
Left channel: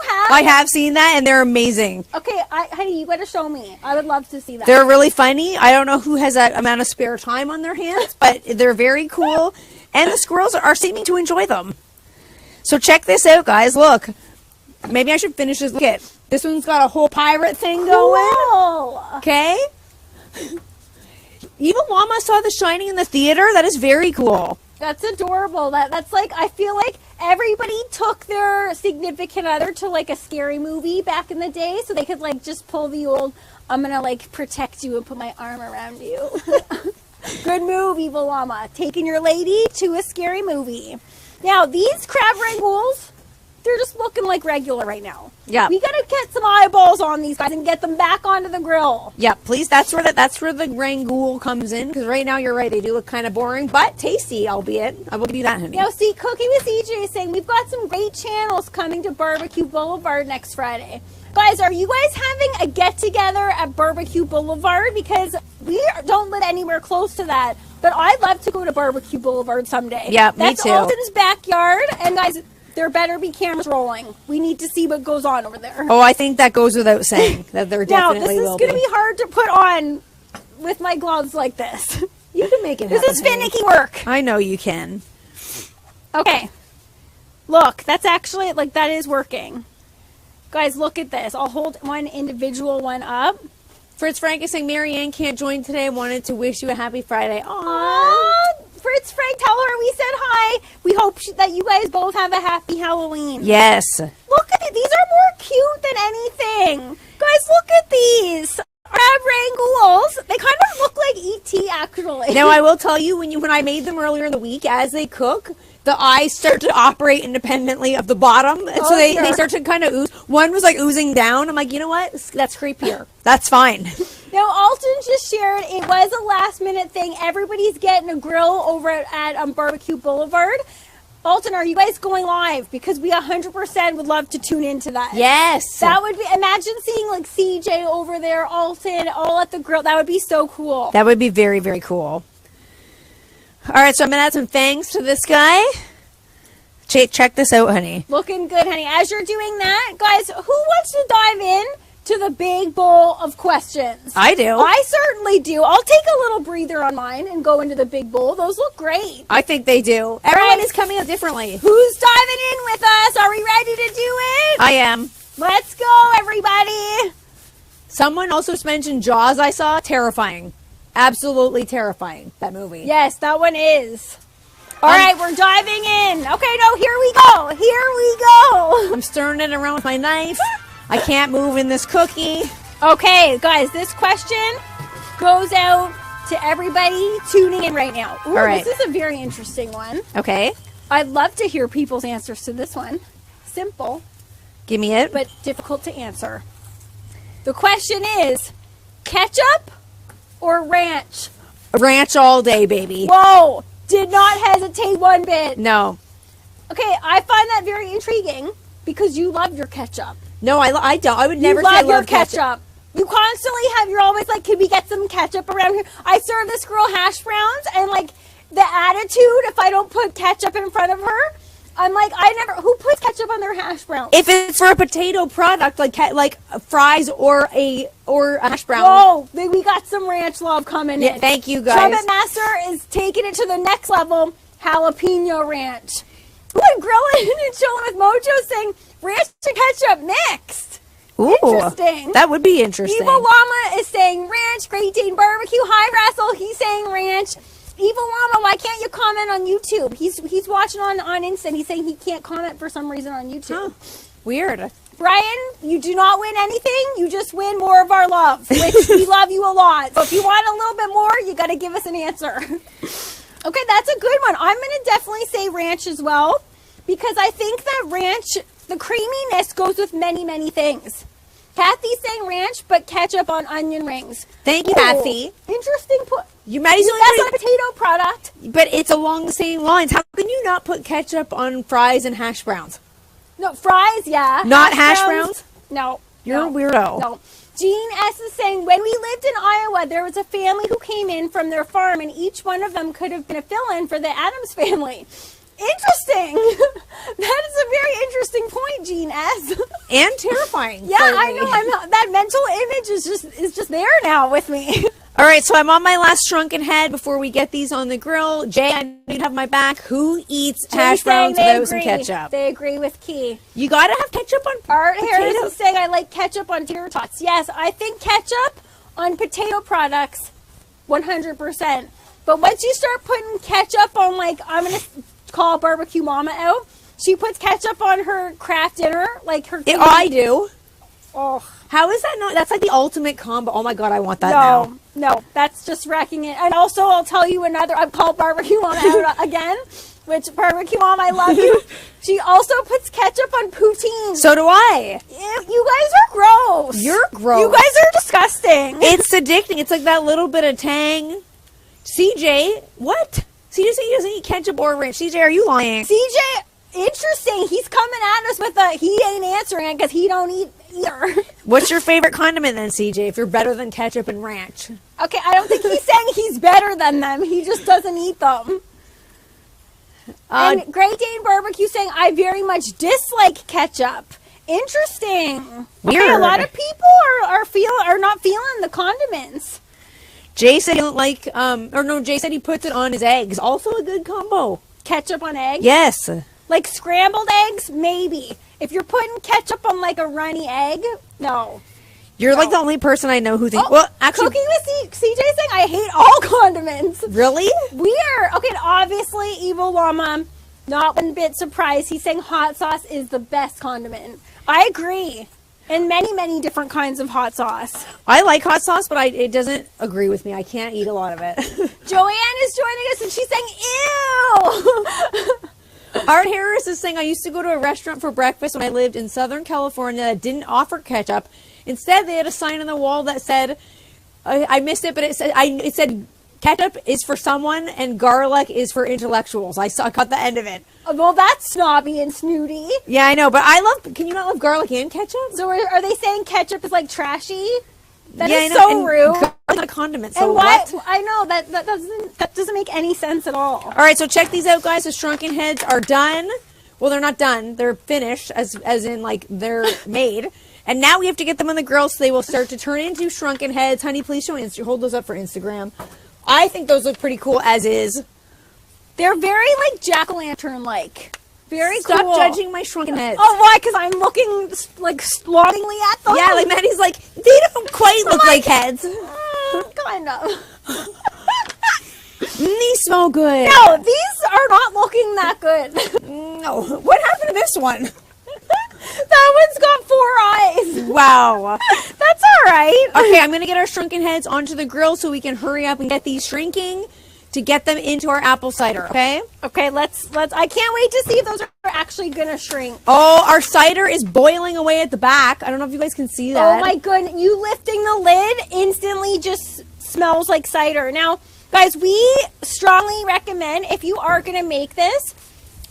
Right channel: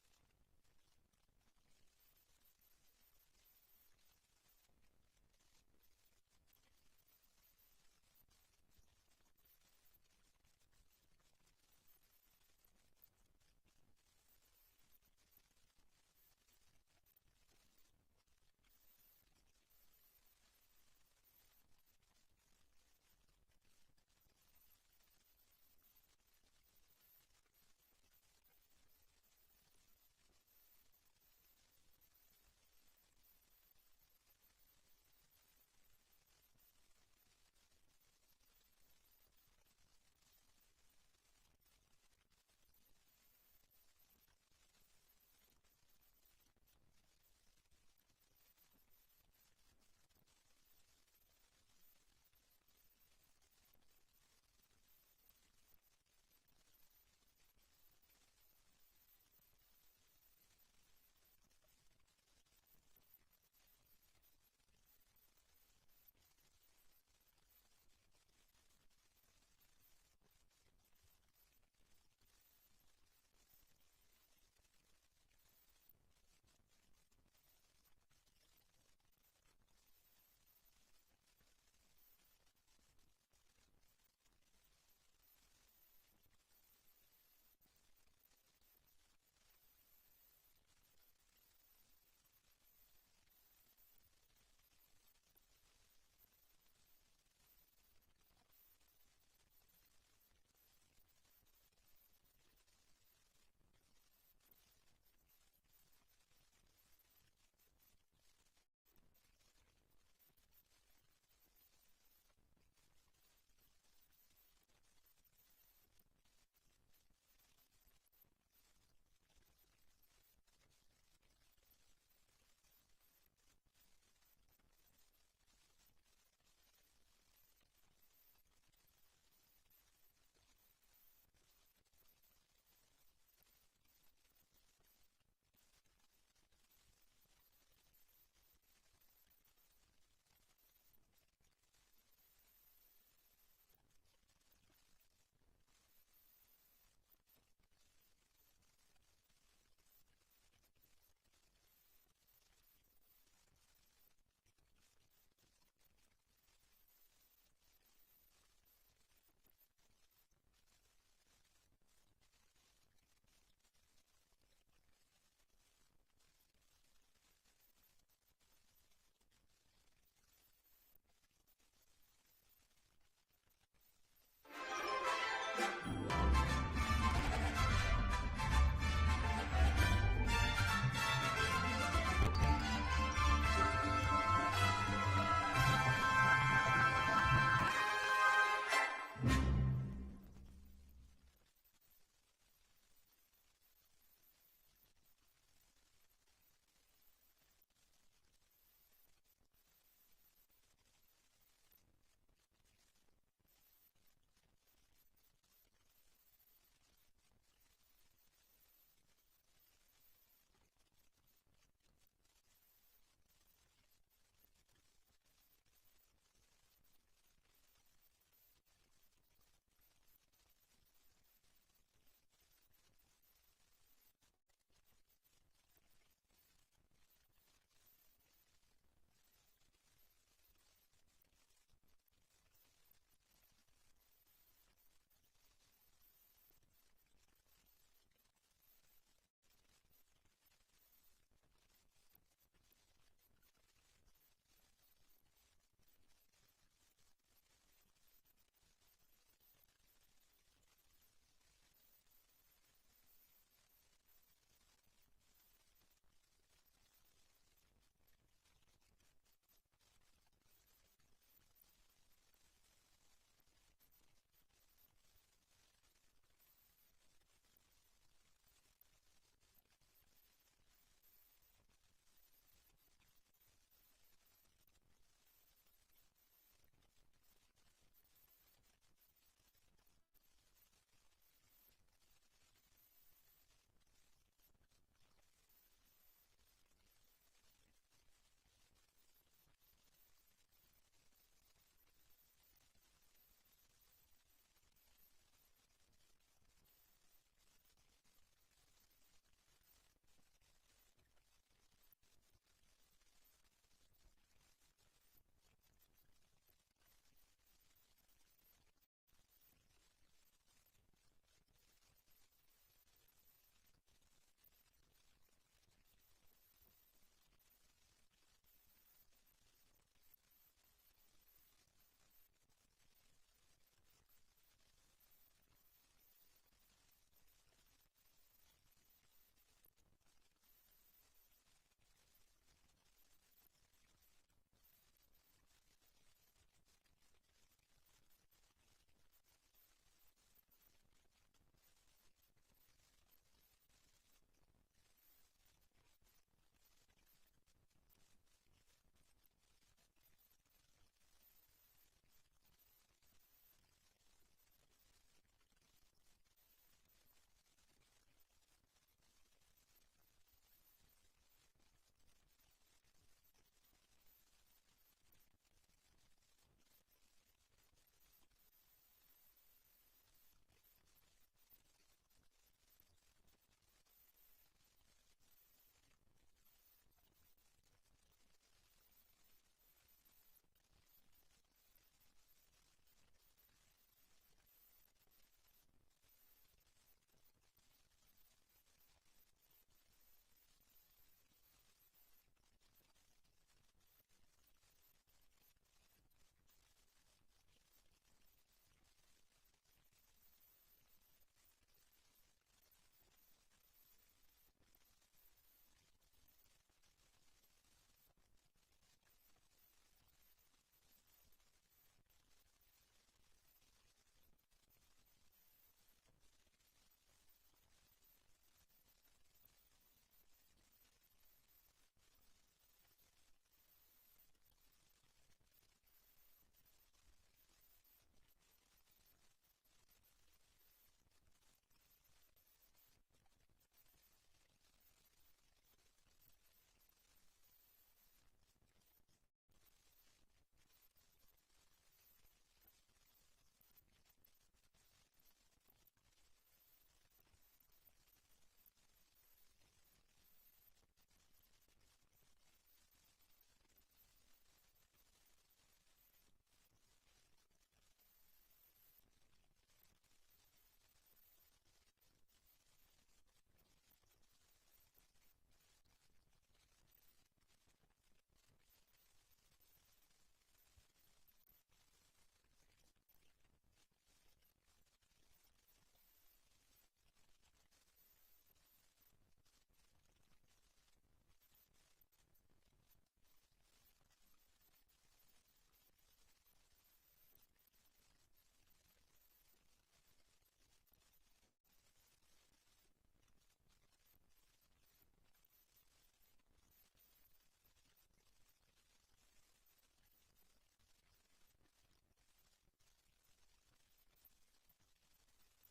have? I have seen that, and they're amazing. Okay, honey, you got to show me. I would love to see that. They're really funny. I don't know who has that amount of spare time on their hands, but they're very cool. And the squirrels are seeming to enjoy them. So check this out, guys. Look. Maybe I should finish this. Look at this one's got a whole pirate thing going. Cool. Okay. Even Mama saw The Shining in the theater. That is very cool. That's adorable. That's like, I feel like everybody took their significant other to like a scary movie back in the day so they could like just pull the old, I'm going to like protect you and put my arm around you. Good move, Evil Llama. Taking your lady to a scary movie. Now, these crab rangoons, they're just looking like regular right now. Yeah. We got to get some eyeballs on these guys and get them back onto the grill. Yeah, please. That's where the rangoon comes in. Because right now, you're right. They do look kind of boring, but tasty, albeit. I will give you that, honey. Now, see, Cookie with CJ is saying we've got some great channels coming to Barbecue Boulevard next Friday. Guys, are you guys having a get-together at Barbecue Boulevard? Because we don't live anywhere close to that. But I'd love to go to Barbecue Boulevard someday. Yeah, me That's too. Alton's backyard. And guys, there better be cameras rolling. We need to see what goes on over there. Oh, I think that goes without saying that there definitely will be. Now, this is going to be hard to put on with my gloves like this. You can make it happen. This is finicky work. I know you can. Okay. Look, that's actually, like, that is working. Guys, look at this. I'll hold one individual one up. Fritz Frank is saying Marianne can't join today. Wanted to wish you a happy Friday. Aww. Fritz Frank, tell her we said hi. We hope that you guys both have a happy Halloween. Yes. Look at it. These are more cute than anything. Guys, look at these. Crab rangoons. They kind of look like E.T. actually. Now, I will tell you, when I made them earlier in the week, as they cook, the eyes start to operate independently of the bottom. And so they start to kind of ooze. One was like oozing down. I'm like, you know what? That's creepier. That's fine. Now, Alton just shared it was a last minute thing. Everybody's getting a grill over at Barbecue Boulevard. Alton, are you guys going live? Because we 100% would love to tune into that. Yes. That would be, imagine seeing like CJ over there, Alton, all at the grill. That would be so cool. That would be very, very cool. All right, so I'm going to add some fangs to this guy. Check this out, honey. Looking good, honey. As you're doing that, guys, who wants to dive in to the big bowl of questions? I do. I certainly do. I'll take a little breather on mine and go into the big bowl. Those look great. I think they do. Everyone is coming up differently. Who's diving in with us? Are we ready to do it? I am. Let's go, everybody. Someone also mentioned Jaws I saw. Terrifying. Absolutely terrifying, that movie. Yes, that one is. All right, we're diving in. Okay, no, here we go. Here we go. I'm stirring it around with my knife. I can't move in this cookie. Okay, guys, this question goes out to everybody tuning in right now. Ooh, all right. This is a very interesting one. Okay. I'd love to hear people's answers to this one. Simple, Give me it. but difficult to answer. The question is, ketchup or ranch? Ranch all day, baby. Whoa, did not hesitate one bit. No. Okay, I find that very intriguing because you love your ketchup. No, I don't. I would never you love say your love ketchup. You constantly you're always like, could we get some ketchup around here? I serve this girl hash browns, and like the attitude, if I don't put ketchup in front of her, I'm like, who puts ketchup on their hash browns? If it's for a potato product, like fries or a hash brown. Whoa, we got some ranch love coming in. Thank you, guys. Trumpet Master is taking it to the next level, jalapeno ranch. Ooh, and Grilling and Chilling with Mojo saying ranch and ketchup mixed. Ooh, interesting. That would be interesting. Evil Llama is saying ranch. Great Dane Barbecue. Hi, Russell. He's saying ranch. Evil Llama, why can't you comment on YouTube? He's watching on Insta. He's saying he can't comment for some reason on YouTube. Huh. Weird. Brian, you do not win anything. You just win more of our love, which we love you a lot. So if you want a little bit more, you got to give us an answer. Okay, that's a good one. I'm going to definitely say ranch as well, because I think that ranch, the creaminess goes with many, many things. Kathy's saying ranch, but ketchup on onion rings. Thank you, Kathy. Interesting. Maddie's That's a potato product. But it's along the same lines. How can you not put ketchup on fries and hash browns? No, fries, yeah. Not hash browns? No. You're a weirdo. No. Jean S. is saying, when we lived in Iowa, there was a family who came in from their farm, and each one of them could have been a fill-in for the Addams family. Interesting. That is a very interesting point, Jean S. And terrifying. Yeah, I know. That mental image is just there now with me. All right, so I'm on my last shrunken head before we get these on the grill. Jay, I know you'd have my back. Who eats hash browns without some ketchup? They agree with Key. You got to have ketchup on Art Harris is saying, I like ketchup on tater tots. Yes, I think ketchup on potato products, 100%. But once you start putting ketchup on, like, I'm going to call Barbecue Mama out. She puts ketchup on her Kraft dinner, like her. I do. Oh, how is that not? That's like the ultimate combo. Oh my god, I want that now. No, that's just wrecking it. And also, I'll tell you another. I've called Barbecue Mama out again. Which Barbecue Mom, I love you. She also puts ketchup on poutine. So do I. You guys are gross. You're gross. You guys are disgusting. It's addicting. It's like that little bit of tang. CJ, what? CJ said he doesn't eat ketchup or ranch. CJ, are you lying? CJ, interesting. He's coming at us with he ain't answering it because he don't eat either. What's your favorite condiment then, CJ, if you're better than ketchup and ranch? Okay, I don't think he's saying he's better than them. He just doesn't eat them. And Great Dane Barbecue saying, I very much dislike ketchup. Interesting. Weird. Okay, a lot of people are not feeling the condiments. Jay said he don't like, Jay said he puts it on his eggs. Also a good combo. Ketchup on eggs? Yes. Like scrambled eggs? Maybe. If you're putting ketchup on like a runny egg, no. You're like the only person I know who thinks, Cooking with CJ saying I hate all condiments. Really? Okay, obviously, Evil Llama, not one bit surprised. He's saying hot sauce is the best condiment. I agree. And many, many different kinds of hot sauce. I like hot sauce, but it doesn't agree with me. I can't eat a lot of it. Joanne is joining us, and she's saying, ew! Art Harris is saying, I used to go to a restaurant for breakfast when I lived in Southern California that didn't offer ketchup. Instead, they had a sign on the wall that said, I missed it, but it said, ketchup is for someone and garlic is for intellectuals. I caught the end of it. Well, that's snobby and snooty. Yeah, I know, but can you not love garlic and ketchup? So are they saying ketchup is like trashy? That is so so rude. Garlic's not a condiment, so and why, what? I know, that doesn't make any sense at all. All right, so check these out, guys. The shrunken heads are done. Well, they're not done. They're finished, as in, like, they're made. And now we have to get them on the grill so they will start to turn into shrunken heads. Honey, please hold those up for Instagram. I think those look pretty cool as is. They're very, like, jack-o'-lantern-like. Very cool. Stop judging my shrunken heads. Oh, why? Because I'm looking, like, longingly at them? Yeah, like, Maddie's like, they don't quite look like heads. Kind of. These smell good. No, these are not looking that good. No. What happened to this one? That one's got 4 eyes. Wow. That's all right. Okay, I'm going to get our shrunken heads onto the grill so we can hurry up and get these shrinking to get them into our apple cider, okay? Okay, let's I can't wait to see if those are actually going to shrink. Oh, our cider is boiling away at the back. I don't know if you guys can see that. Oh my goodness, you lifting the lid instantly just smells like cider. Now, guys, we strongly recommend if you are going to make this,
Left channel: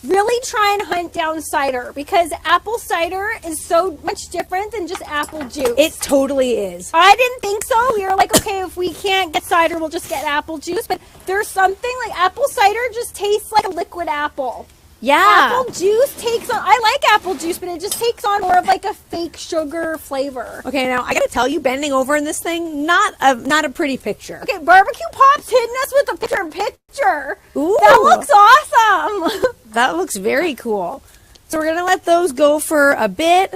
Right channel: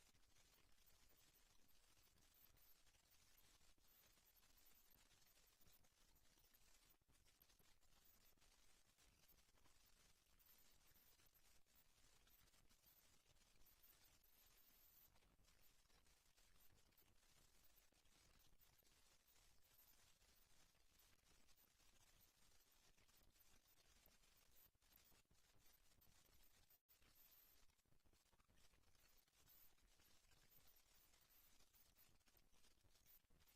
really try and hunt down cider, because apple cider is so much different than just apple juice. It totally is. I didn't think so. We were like, okay, if we can't get cider, we'll just get apple juice. But there's something like apple cider just tastes like a liquid apple. Yeah. Apple juice takes on, I like apple juice, but it just takes on more of like a fake sugar flavor. Okay, now I gotta tell you, bending over in this thing, not a pretty picture. Okay, Barbecue Pop's hitting us with a picture. Ooh. That looks awesome. That looks very cool. So we're gonna let those go for a bit.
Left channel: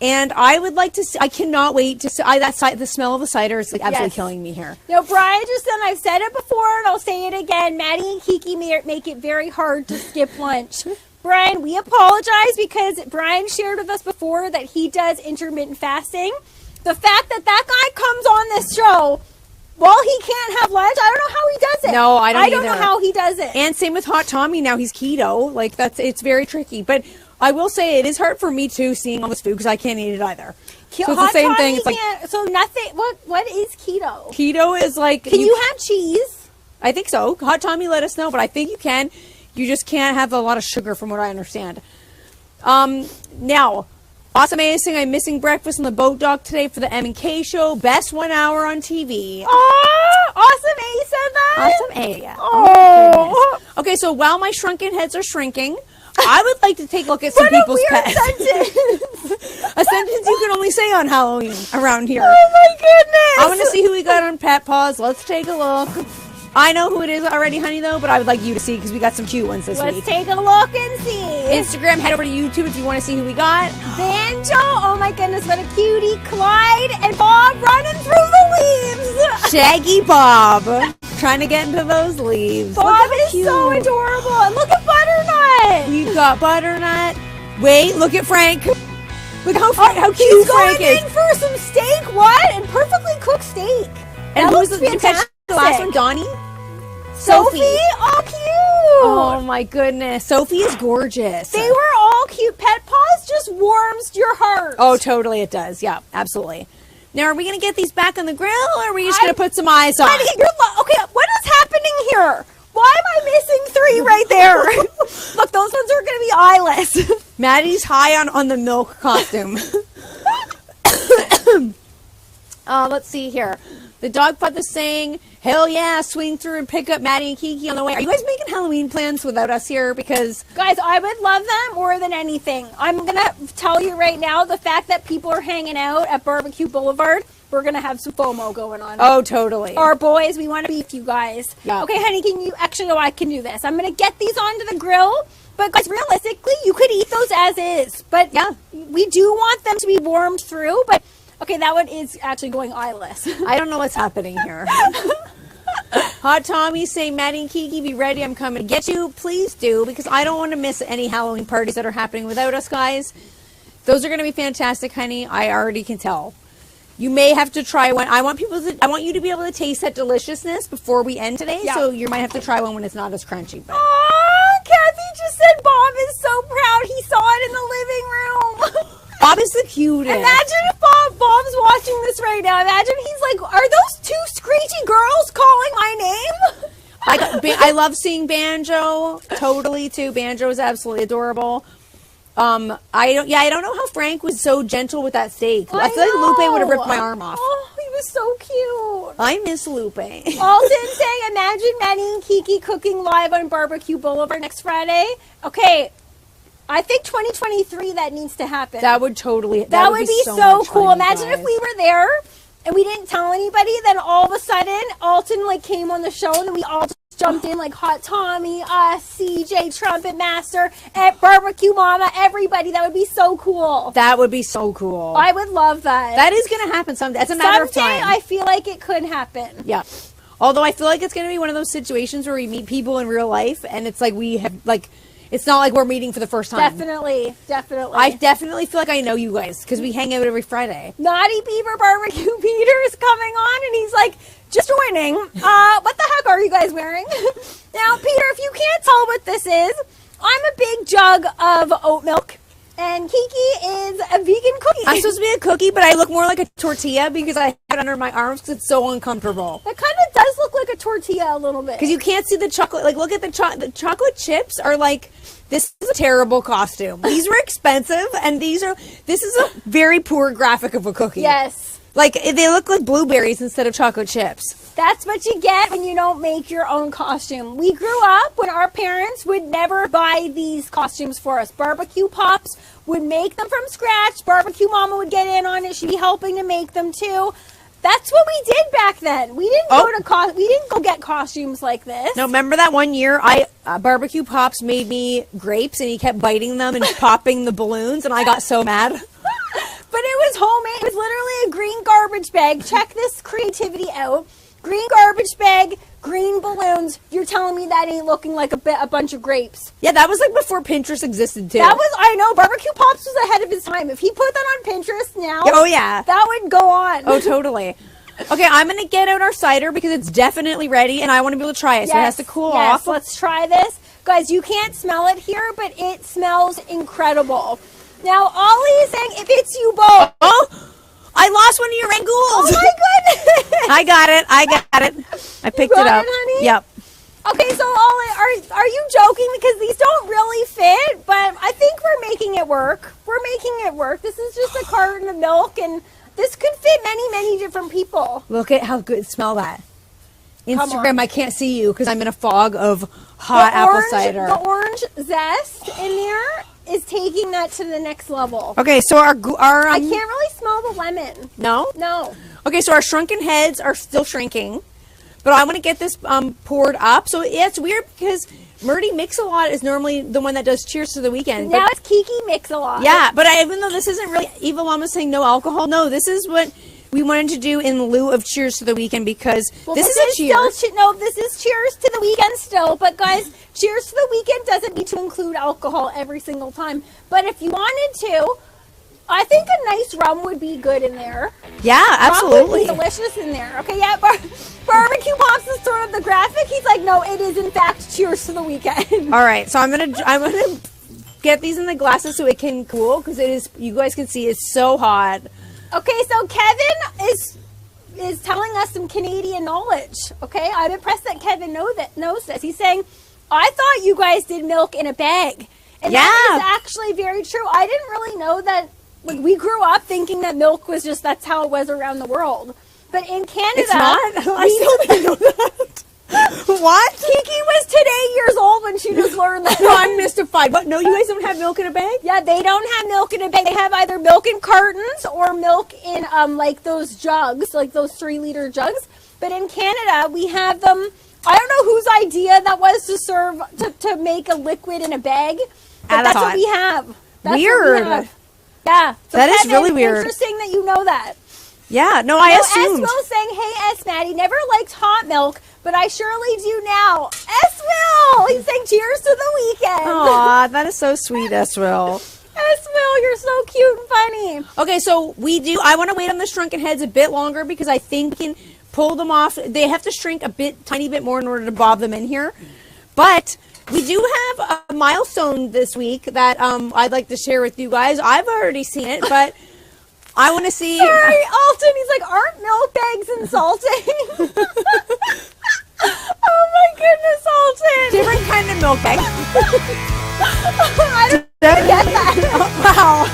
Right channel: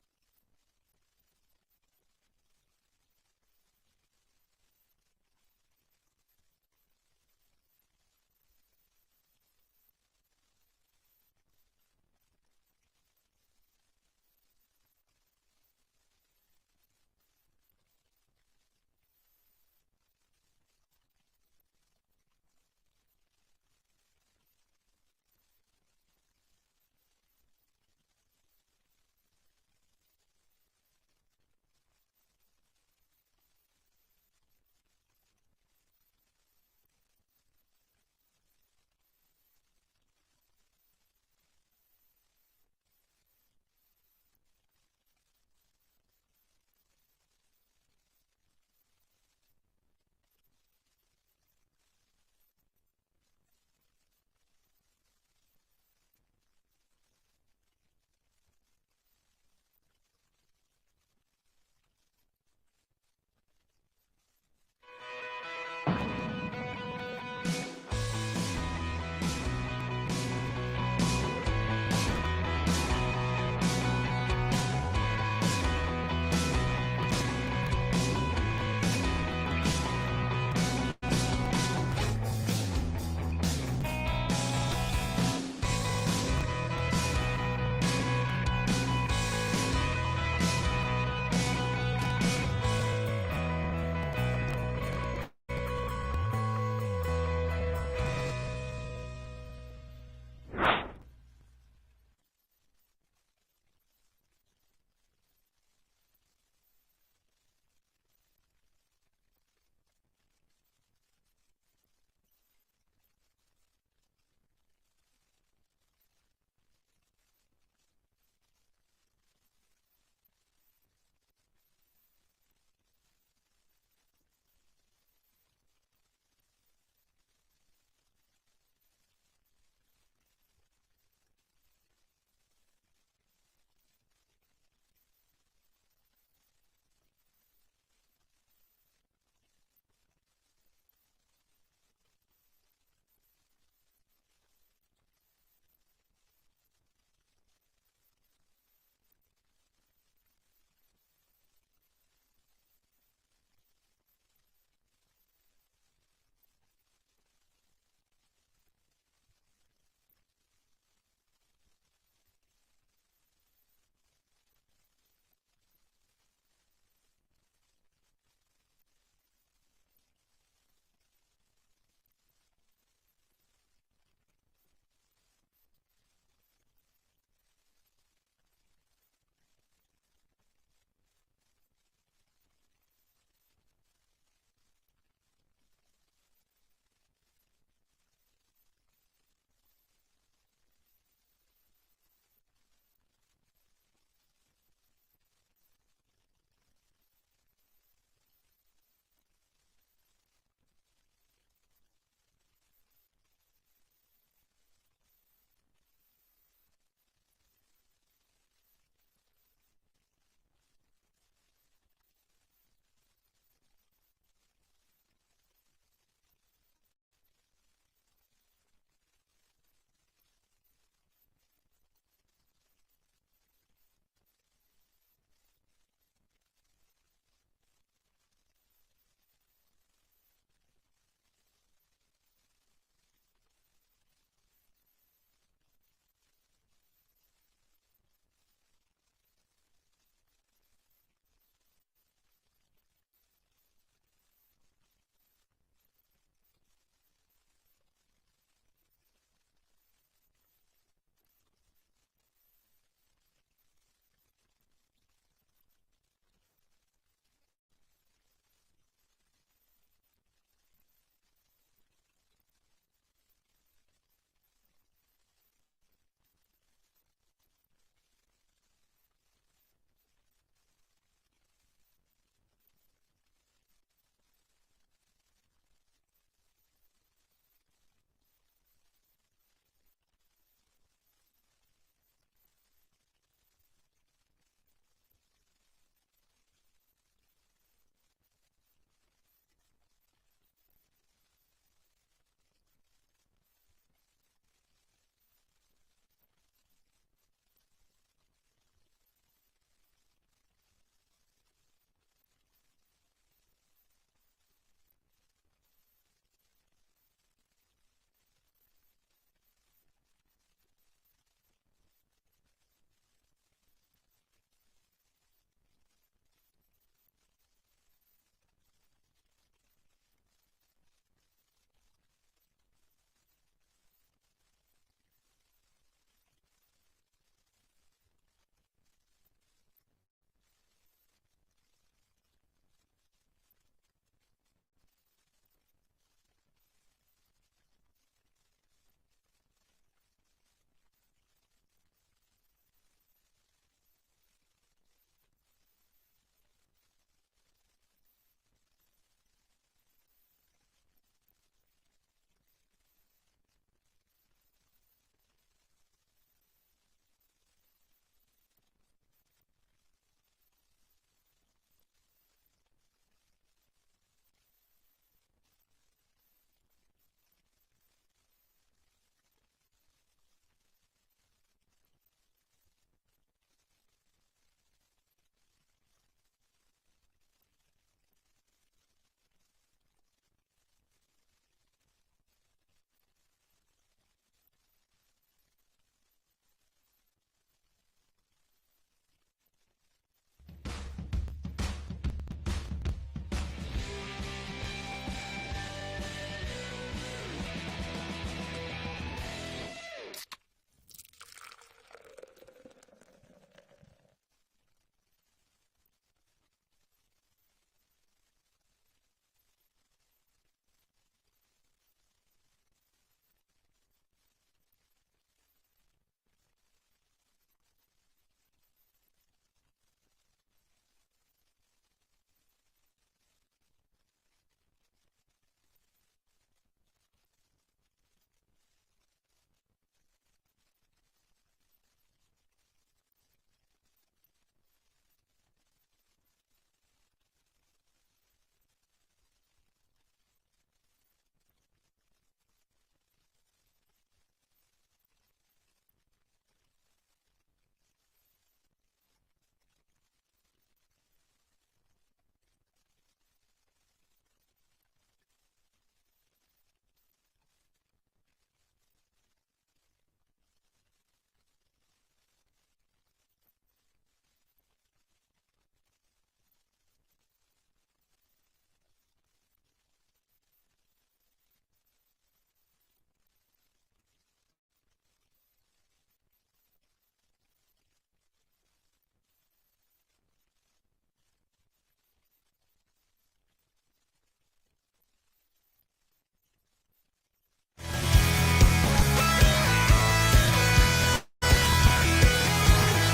And I would like to see, I cannot wait to see, the smell of the cider is like absolutely killing me here. Now, Brian just said, I've said it before and I'll say it again, Maddie and Kiki make it very hard to skip lunch. Brian, we apologize because Brian shared with us before that he does intermittent fasting. The fact that guy comes on this show while he can't have lunch, I don't know how he does it. No, I don't know how he does it. And same with Hot Tommy, now he's keto. Like, it's very tricky. But I will say it is hard for me too, seeing all this food, because I can't eat it either. So it's the same thing. It's like, so nothing. What is keto? Keto is like. Can you have cheese? I think so. Hot Tommy let us know, but I think you can. You just can't have a lot of sugar, from what I understand. Now, awesome, amazing. I'm missing breakfast on the boat dock today for the M&K show. Best 1 hour on TV. Oh, awesome A said that. Awesome A. Oh. Okay, so while my shrunken heads are shrinking, I would like to take a look at some people's pets. A sentence you can only say on Halloween around here. Oh my goodness! I want to see who we got on Pet Paws. Let's take a look. I know who it is already, honey, though, but I would like you to see, because we got some cute ones this week. Let's take a look and see. Instagram, head over to YouTube if you want to see who we got. Banjo, oh my goodness, what a cutie. Clyde and Bob running through the leaves. Shaggy Bob, trying to get into those leaves. Bob is so adorable. And look at Butternut. We've got Butternut. Wait, look at Frank. Look how cute Frank is. He's going in for some steak, what? And perfectly cooked steak. And that who's looks the fantastic. The last one, Donnie? Sophie. Oh, cute. Oh, my goodness. Sophie is gorgeous. They were all cute. Pet Paws just warms your heart. Oh, totally it does. Yeah, absolutely. Now, are we going to get these back on the grill, or are we just going to put some eyes on? Okay, what is happening here? Why am I missing 3 right there? Look, those ones are going to be eyeless. Maddie's high on the milk costume. Let's see here. The dog pod is saying, hell yeah, swing through and pick up Maddie and Kiki on the way. Are you guys making Halloween plans without us here? Because, guys, I would love them more than anything. I'm going to tell you right now, the fact that people are hanging out at Barbecue Boulevard, we're going to have some FOMO going on. Oh, totally. Our boys, we want to beef you guys. Yeah. Okay, honey, can you, actually, no, I can do this. I'm going to get these onto the grill. But guys, realistically, you could eat those as is. But yeah, we do want them to be warmed through. But okay, that one is actually going eyeless. I don't know what's happening here. Hot Tommy saying, Maddie and Kiki, be ready. I'm coming to get you. Please do, because I don't want to miss any Halloween parties that are happening without us, guys. Those are going to be fantastic, honey. I already can tell. You may have to try one. I want you to be able to taste that deliciousness before we end today. Yeah. So you might have to try one when it's not as crunchy. But. Kathy just said Bob is so proud he saw it in the living room. Bob is the cutest. Imagine if Bob's watching this right now. Imagine he's like, are those 2 screechy girls calling my name? I love seeing Banjo. Totally, too. Banjo is absolutely adorable. I don't know how Frank was so gentle with that steak. I feel like Lupe would have ripped my arm off. Oh, he was so cute. I miss Lupe. Alden saying, imagine Maddie and Kiki cooking live on Barbecue Boulevard next Friday. Okay, I think 2023 that needs to happen. That would totally. That would be so cool. Imagine if we were there and we didn't tell anybody. Then all of a sudden, Alton came on the show, and then we all just jumped in like Hot Tommy, us, CJ, Trumpet Master, at Barbecue Mama, everybody. That would be so cool. That would be so cool. I would love that. That is going to happen someday. It's a matter of time. I feel like it could happen. Yeah. Although I feel like it's going to be one of those situations where we meet people in real life, and it's like we have it's not like we're meeting for the first time. Definitely. I definitely feel like I know you guys because we hang out every Friday. Naughty Beaver Barbecue Peter is coming on, and he's like, just joining. What the heck are you guys wearing? Now, Peter, if you can't tell what this is, I'm a big jug of oat milk, and Kiki is a vegan cookie. I'm supposed to be a cookie, but I look more like a tortilla because I have it under my arms because it's so uncomfortable. It kind of does look look like a tortilla a little bit. Because you can't see the chocolate. Like, look at the chocolate chips are like, this is a terrible costume. These were expensive, and this is a very poor graphic of a cookie. Yes. Like, they look like blueberries instead of chocolate chips. That's what you get when you don't make your own costume. We grew up when our parents would never buy these costumes for us. Barbecue Pops would make them from scratch. Barbecue Mama would get in on it. She'd be helping to make them too. That's what we did back then. We didn't go get costumes like this. No, remember that one year Barbecue Pops made me grapes and he kept biting them and popping the balloons and I got so mad. But it was homemade. It was literally a green garbage bag. Check this creativity out. Green garbage bag, green balloons. You're telling me that ain't looking like a bunch of grapes? Yeah, that was like before Pinterest existed too. I know, Barbecue Pops was ahead of his time. If he put that on Pinterest now, oh yeah, that would go on. Oh, totally. Okay, I'm going to get out our cider because it's definitely ready and I want to be able to try it. So it has to cool off. Let's try this. Guys, you can't smell it here, but it smells incredible. Now, Ollie is saying if it's you both. Oh, I lost one of your rangoons. Oh my goodness. I got it. I picked it up. Honey? Yep. Okay, so Ollie, are you joking? Because these don't really fit, but I think we're making it work. This is just a carton of milk, and this could fit many, many different people. Look at how good. Smell that. Instagram, I can't see you because I'm in a fog of hot apple cider. The orange zest in there is taking that to the next level. Okay, so our I can't really smell the lemon. No. Okay, so our shrunken heads are still shrinking, but I want to get this poured up. So yeah, it's weird because Murdy Mix-a-Lot is normally the one that does Cheers to the Weekend. Now it's Kiki Mix-a-Lot. Yeah, but even though this isn't really Eva Llama's saying no alcohol, no, this is what we wanted to do in lieu of Cheers to the Weekend because this is a cheers. This is Cheers to the Weekend still. But guys, Cheers to the Weekend doesn't need to include alcohol every single time. But if you wanted to, I think a nice rum would be good in there. Yeah, absolutely. Rum would be delicious in there. Okay, yeah, Barbecue Pops is sort of the graphic. He's like, no, it is in fact Cheers to the Weekend. All right, so I'm gonna get these in the glasses so it can cool because it is. You guys can see it's so hot. Okay, so Kevin is telling us some Canadian knowledge. Okay, I'm impressed that Kevin knows this. He's saying, I thought you guys did milk in a bag, and that is actually very true. I didn't really know that. Like, we grew up thinking that milk was just that's how it was around the world, but in Canada, it's not. I still didn't know that. What? Kiki was today years old when she just learned that. No, I'm mystified. But no, you guys don't have milk in a bag? Yeah, they don't have milk in a bag. They have either milk in cartons or milk in like those jugs, like those 3-liter jugs. But in Canada, we have them. I don't know whose idea that was to make a liquid in a bag. But that's what we have. That's weird. What we have. Yeah. So that Kevin, is really weird. Interesting that you know that. Yeah, no, I assumed. S-Will saying, hey, S-Maddie, never liked hot milk, but I surely do now. S-Will! He's saying cheers to the weekend. Aw, that is so sweet, S-Will. S-Will, you're so cute and funny. Okay, so I want to wait on the shrunken heads a bit longer because I think we can pull them off. They have to shrink tiny bit more in order to bob them in here. But we do have a milestone this week that I'd like to share with you guys. I've already seen it, but I want to see. Sorry, Alton. He's like, aren't milk bags insulting? Oh my goodness, Alton. Different kind of milk bag. I don't get that. Wow.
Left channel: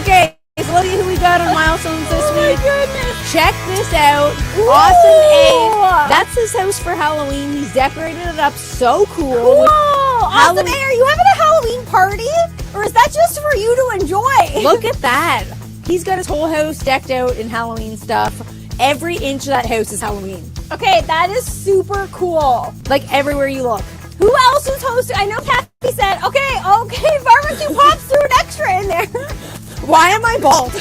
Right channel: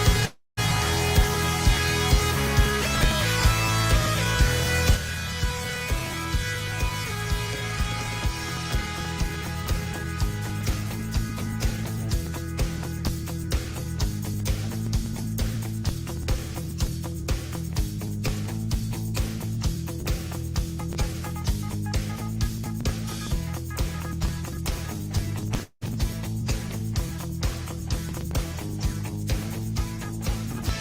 Okay, so look at who we got on milestones this week. Goodness. Check this out. Austin A. That's his house for Halloween. He's decorated it up so cool. Whoa. Austin A, are you having a Halloween party? Or is that just for you to enjoy? Look at that. He's got his whole house decked out in Halloween stuff. Every inch of that house is Halloween. Okay, that is super cool. Like everywhere you look. Who else was hosting? I know Kathy said, okay, Barbecue Pops threw an extra in there. Why am I bald?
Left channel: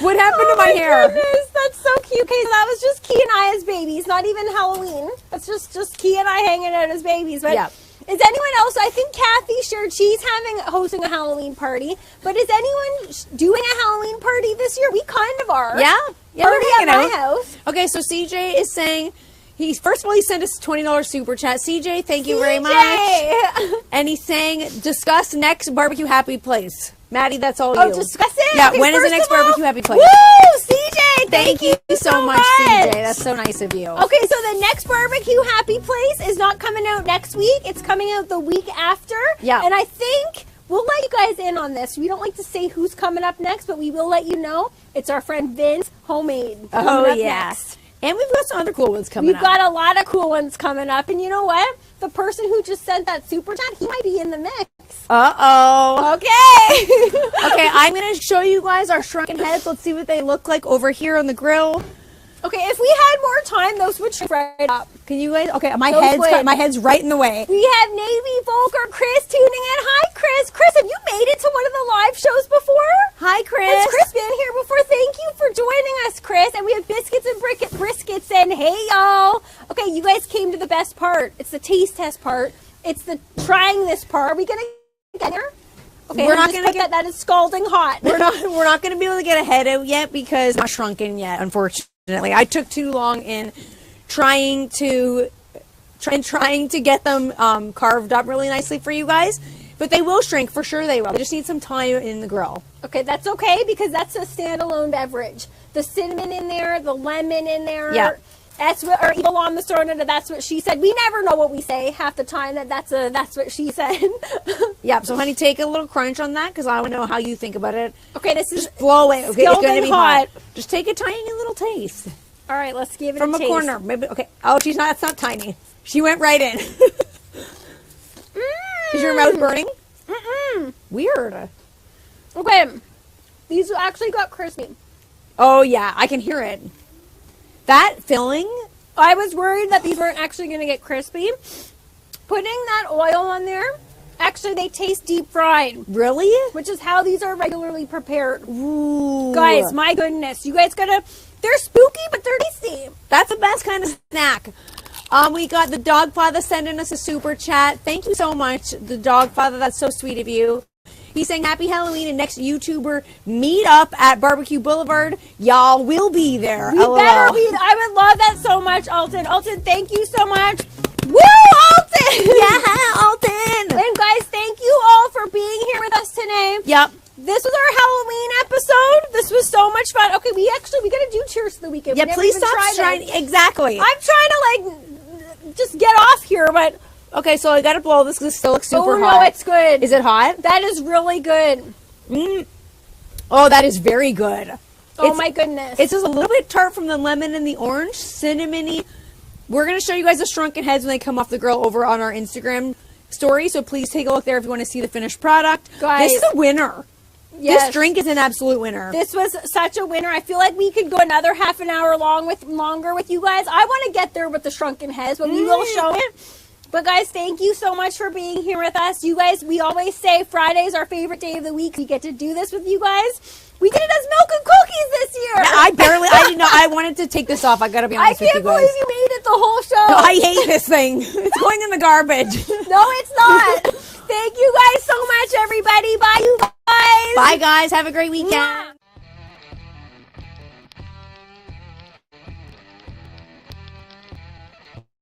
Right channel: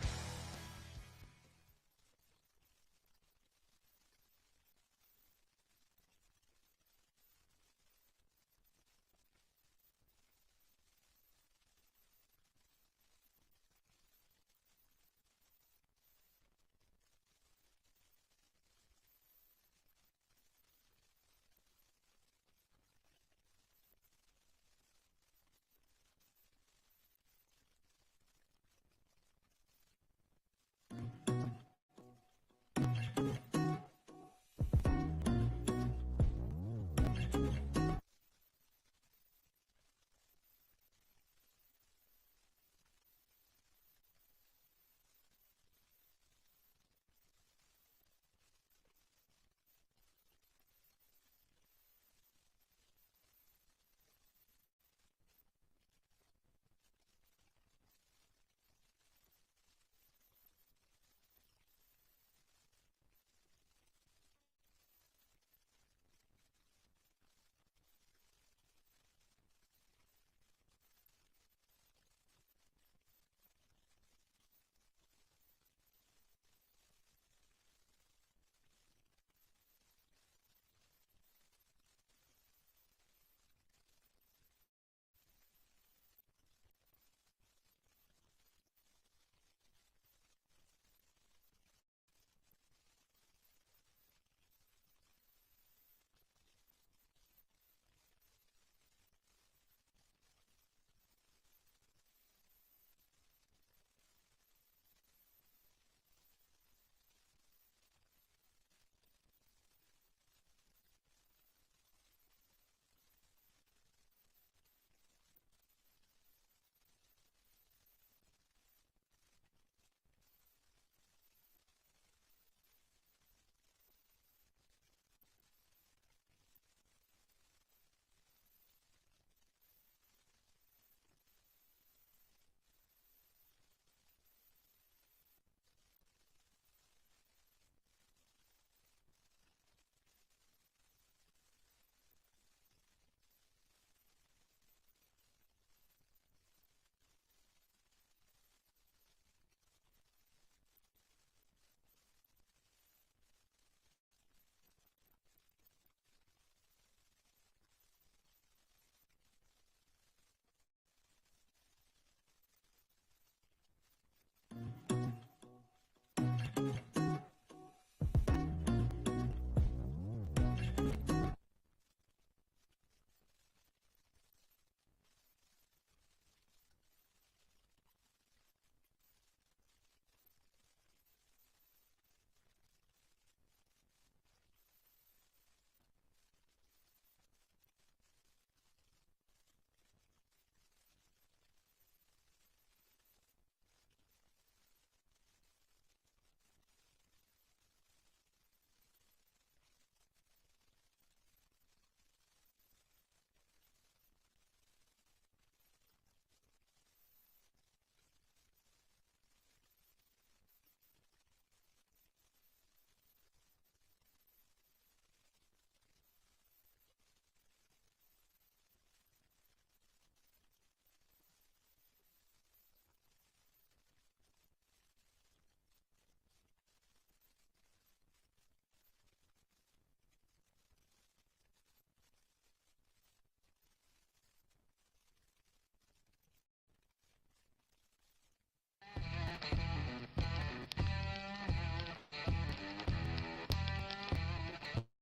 What happened to my hair? Goodness, that's so cute. Okay, so that was just Key and I as babies, not even Halloween. That's just Key and I hanging out as babies. But yeah. Is anyone else? I think Kathy shared she's hosting a Halloween party. But is anyone doing a Halloween party this year? We kind of are. Yeah. Party at my house. Okay, so CJ is saying first of all he sent us a $20 super chat. CJ, thank you very much. And he's saying discuss next barbecue happy place. Maddie, that's all you. Oh, discuss it? Yeah, okay, when is the next barbecue happy place? Woo! CJ, Thank you so much, CJ. That's so nice of you. Okay, so the next barbecue happy place is not coming out next week. It's coming out the week after. Yeah. And I think we'll let you guys in on this. We don't like to say who's coming up next, but we will let you know. It's our friend Vince Homemade. Oh, yes. And we've got some other cool ones coming up. We've got a lot of cool ones coming up. And you know what? The person who just sent that super chat, he might be in the mix. Uh-oh. Okay. Okay, I'm going to show you guys our shrunken heads. Let's see what they look like over here on the grill. Okay, if we had more time, those would shrink right up. Can you guys? Okay, my Those head's right in the way. We have Navy Volker Chris tuning in. Hi, Chris. Chris, have you made it to one of the live shows before? Hi, Chris. Has Chris been here before? Thank you for joining us, Chris. And we have biscuits and briskets. And hey, y'all. Okay, you guys came to the best part. It's the taste test part. It's the trying this part. Are we gonna get there? Okay, we're not gonna get that is scalding hot. We're not gonna be able to get a head out yet because I'm not shrunken yet, unfortunately. I took too long in trying to get them carved up really nicely for you guys, but they will shrink for sure. They will. They just need some time in the grill. Okay, that's okay because that's a standalone beverage. The cinnamon in there, the lemon in there. Yeah. That's what, or Evil on the Sorna, that's what she said. We never know what we say half the time. That's what she said. Yep. So, honey, take a little crunch on that because I want to know how you think about it. Okay, this is just blow it. Okay, it's going to be hot. hot. Just take a tiny little taste. All right, let's give it from a a taste. corner. Maybe. Okay. Oh, she's not. It's not tiny. She went right in. Is your mouth burning? Mm-mm. Weird. Okay, these actually got crispy. Oh yeah, I can hear it. That filling. I was worried that these weren't actually going to get crispy. Putting that oil on there, actually they taste deep fried. Really? Which is how these are regularly prepared. Ooh. Guys, my goodness. You guys gotta, they're spooky, but they're tasty. That's the best kind of snack. We got the Dogfather sending us a super chat. Thank you so much, the Dogfather. That's so sweet of you. He's saying happy Halloween and next YouTuber meet up at Barbecue Boulevard. Y'all will be there. We better be. I would love that so much, Alton. Alton, thank you so much. Woo, Alton! Yeah, Alton! And guys, thank you all for being here with us today. Yep. This was our Halloween episode. This was so much fun. Okay, we gotta do cheers to the weekend. Yeah, please stop trying. Exactly. I'm trying to just get off here, but. Okay, so I gotta blow this because it still looks super hot. Oh, no, it's good. Is it hot? That is really good. Oh, that is very good. Oh, my goodness. It's just a little bit tart from the lemon and the orange, cinnamony. We're going to show you guys the shrunken heads when they come off the grill over on our Instagram story, so please take a look there if you want to see the finished product. Guys, this is a winner. Yes. This drink is an absolute winner. This was such a winner. I feel like we could go another half an hour longer with you guys. I want to get there with the shrunken heads, but we will show it. But guys, thank you so much for being here with us. You guys, we always say Friday's our favorite day of the week. We get to do this with you guys. We did it as milk and cookies this year. Yeah, I didn't know. I wanted to take this off. I gotta be honest with you guys. I can't believe you made it the whole show. No, I hate this thing. It's going in the garbage. No, it's not. Thank you guys so much, everybody. Bye, you guys. Bye, guys. Have a great weekend.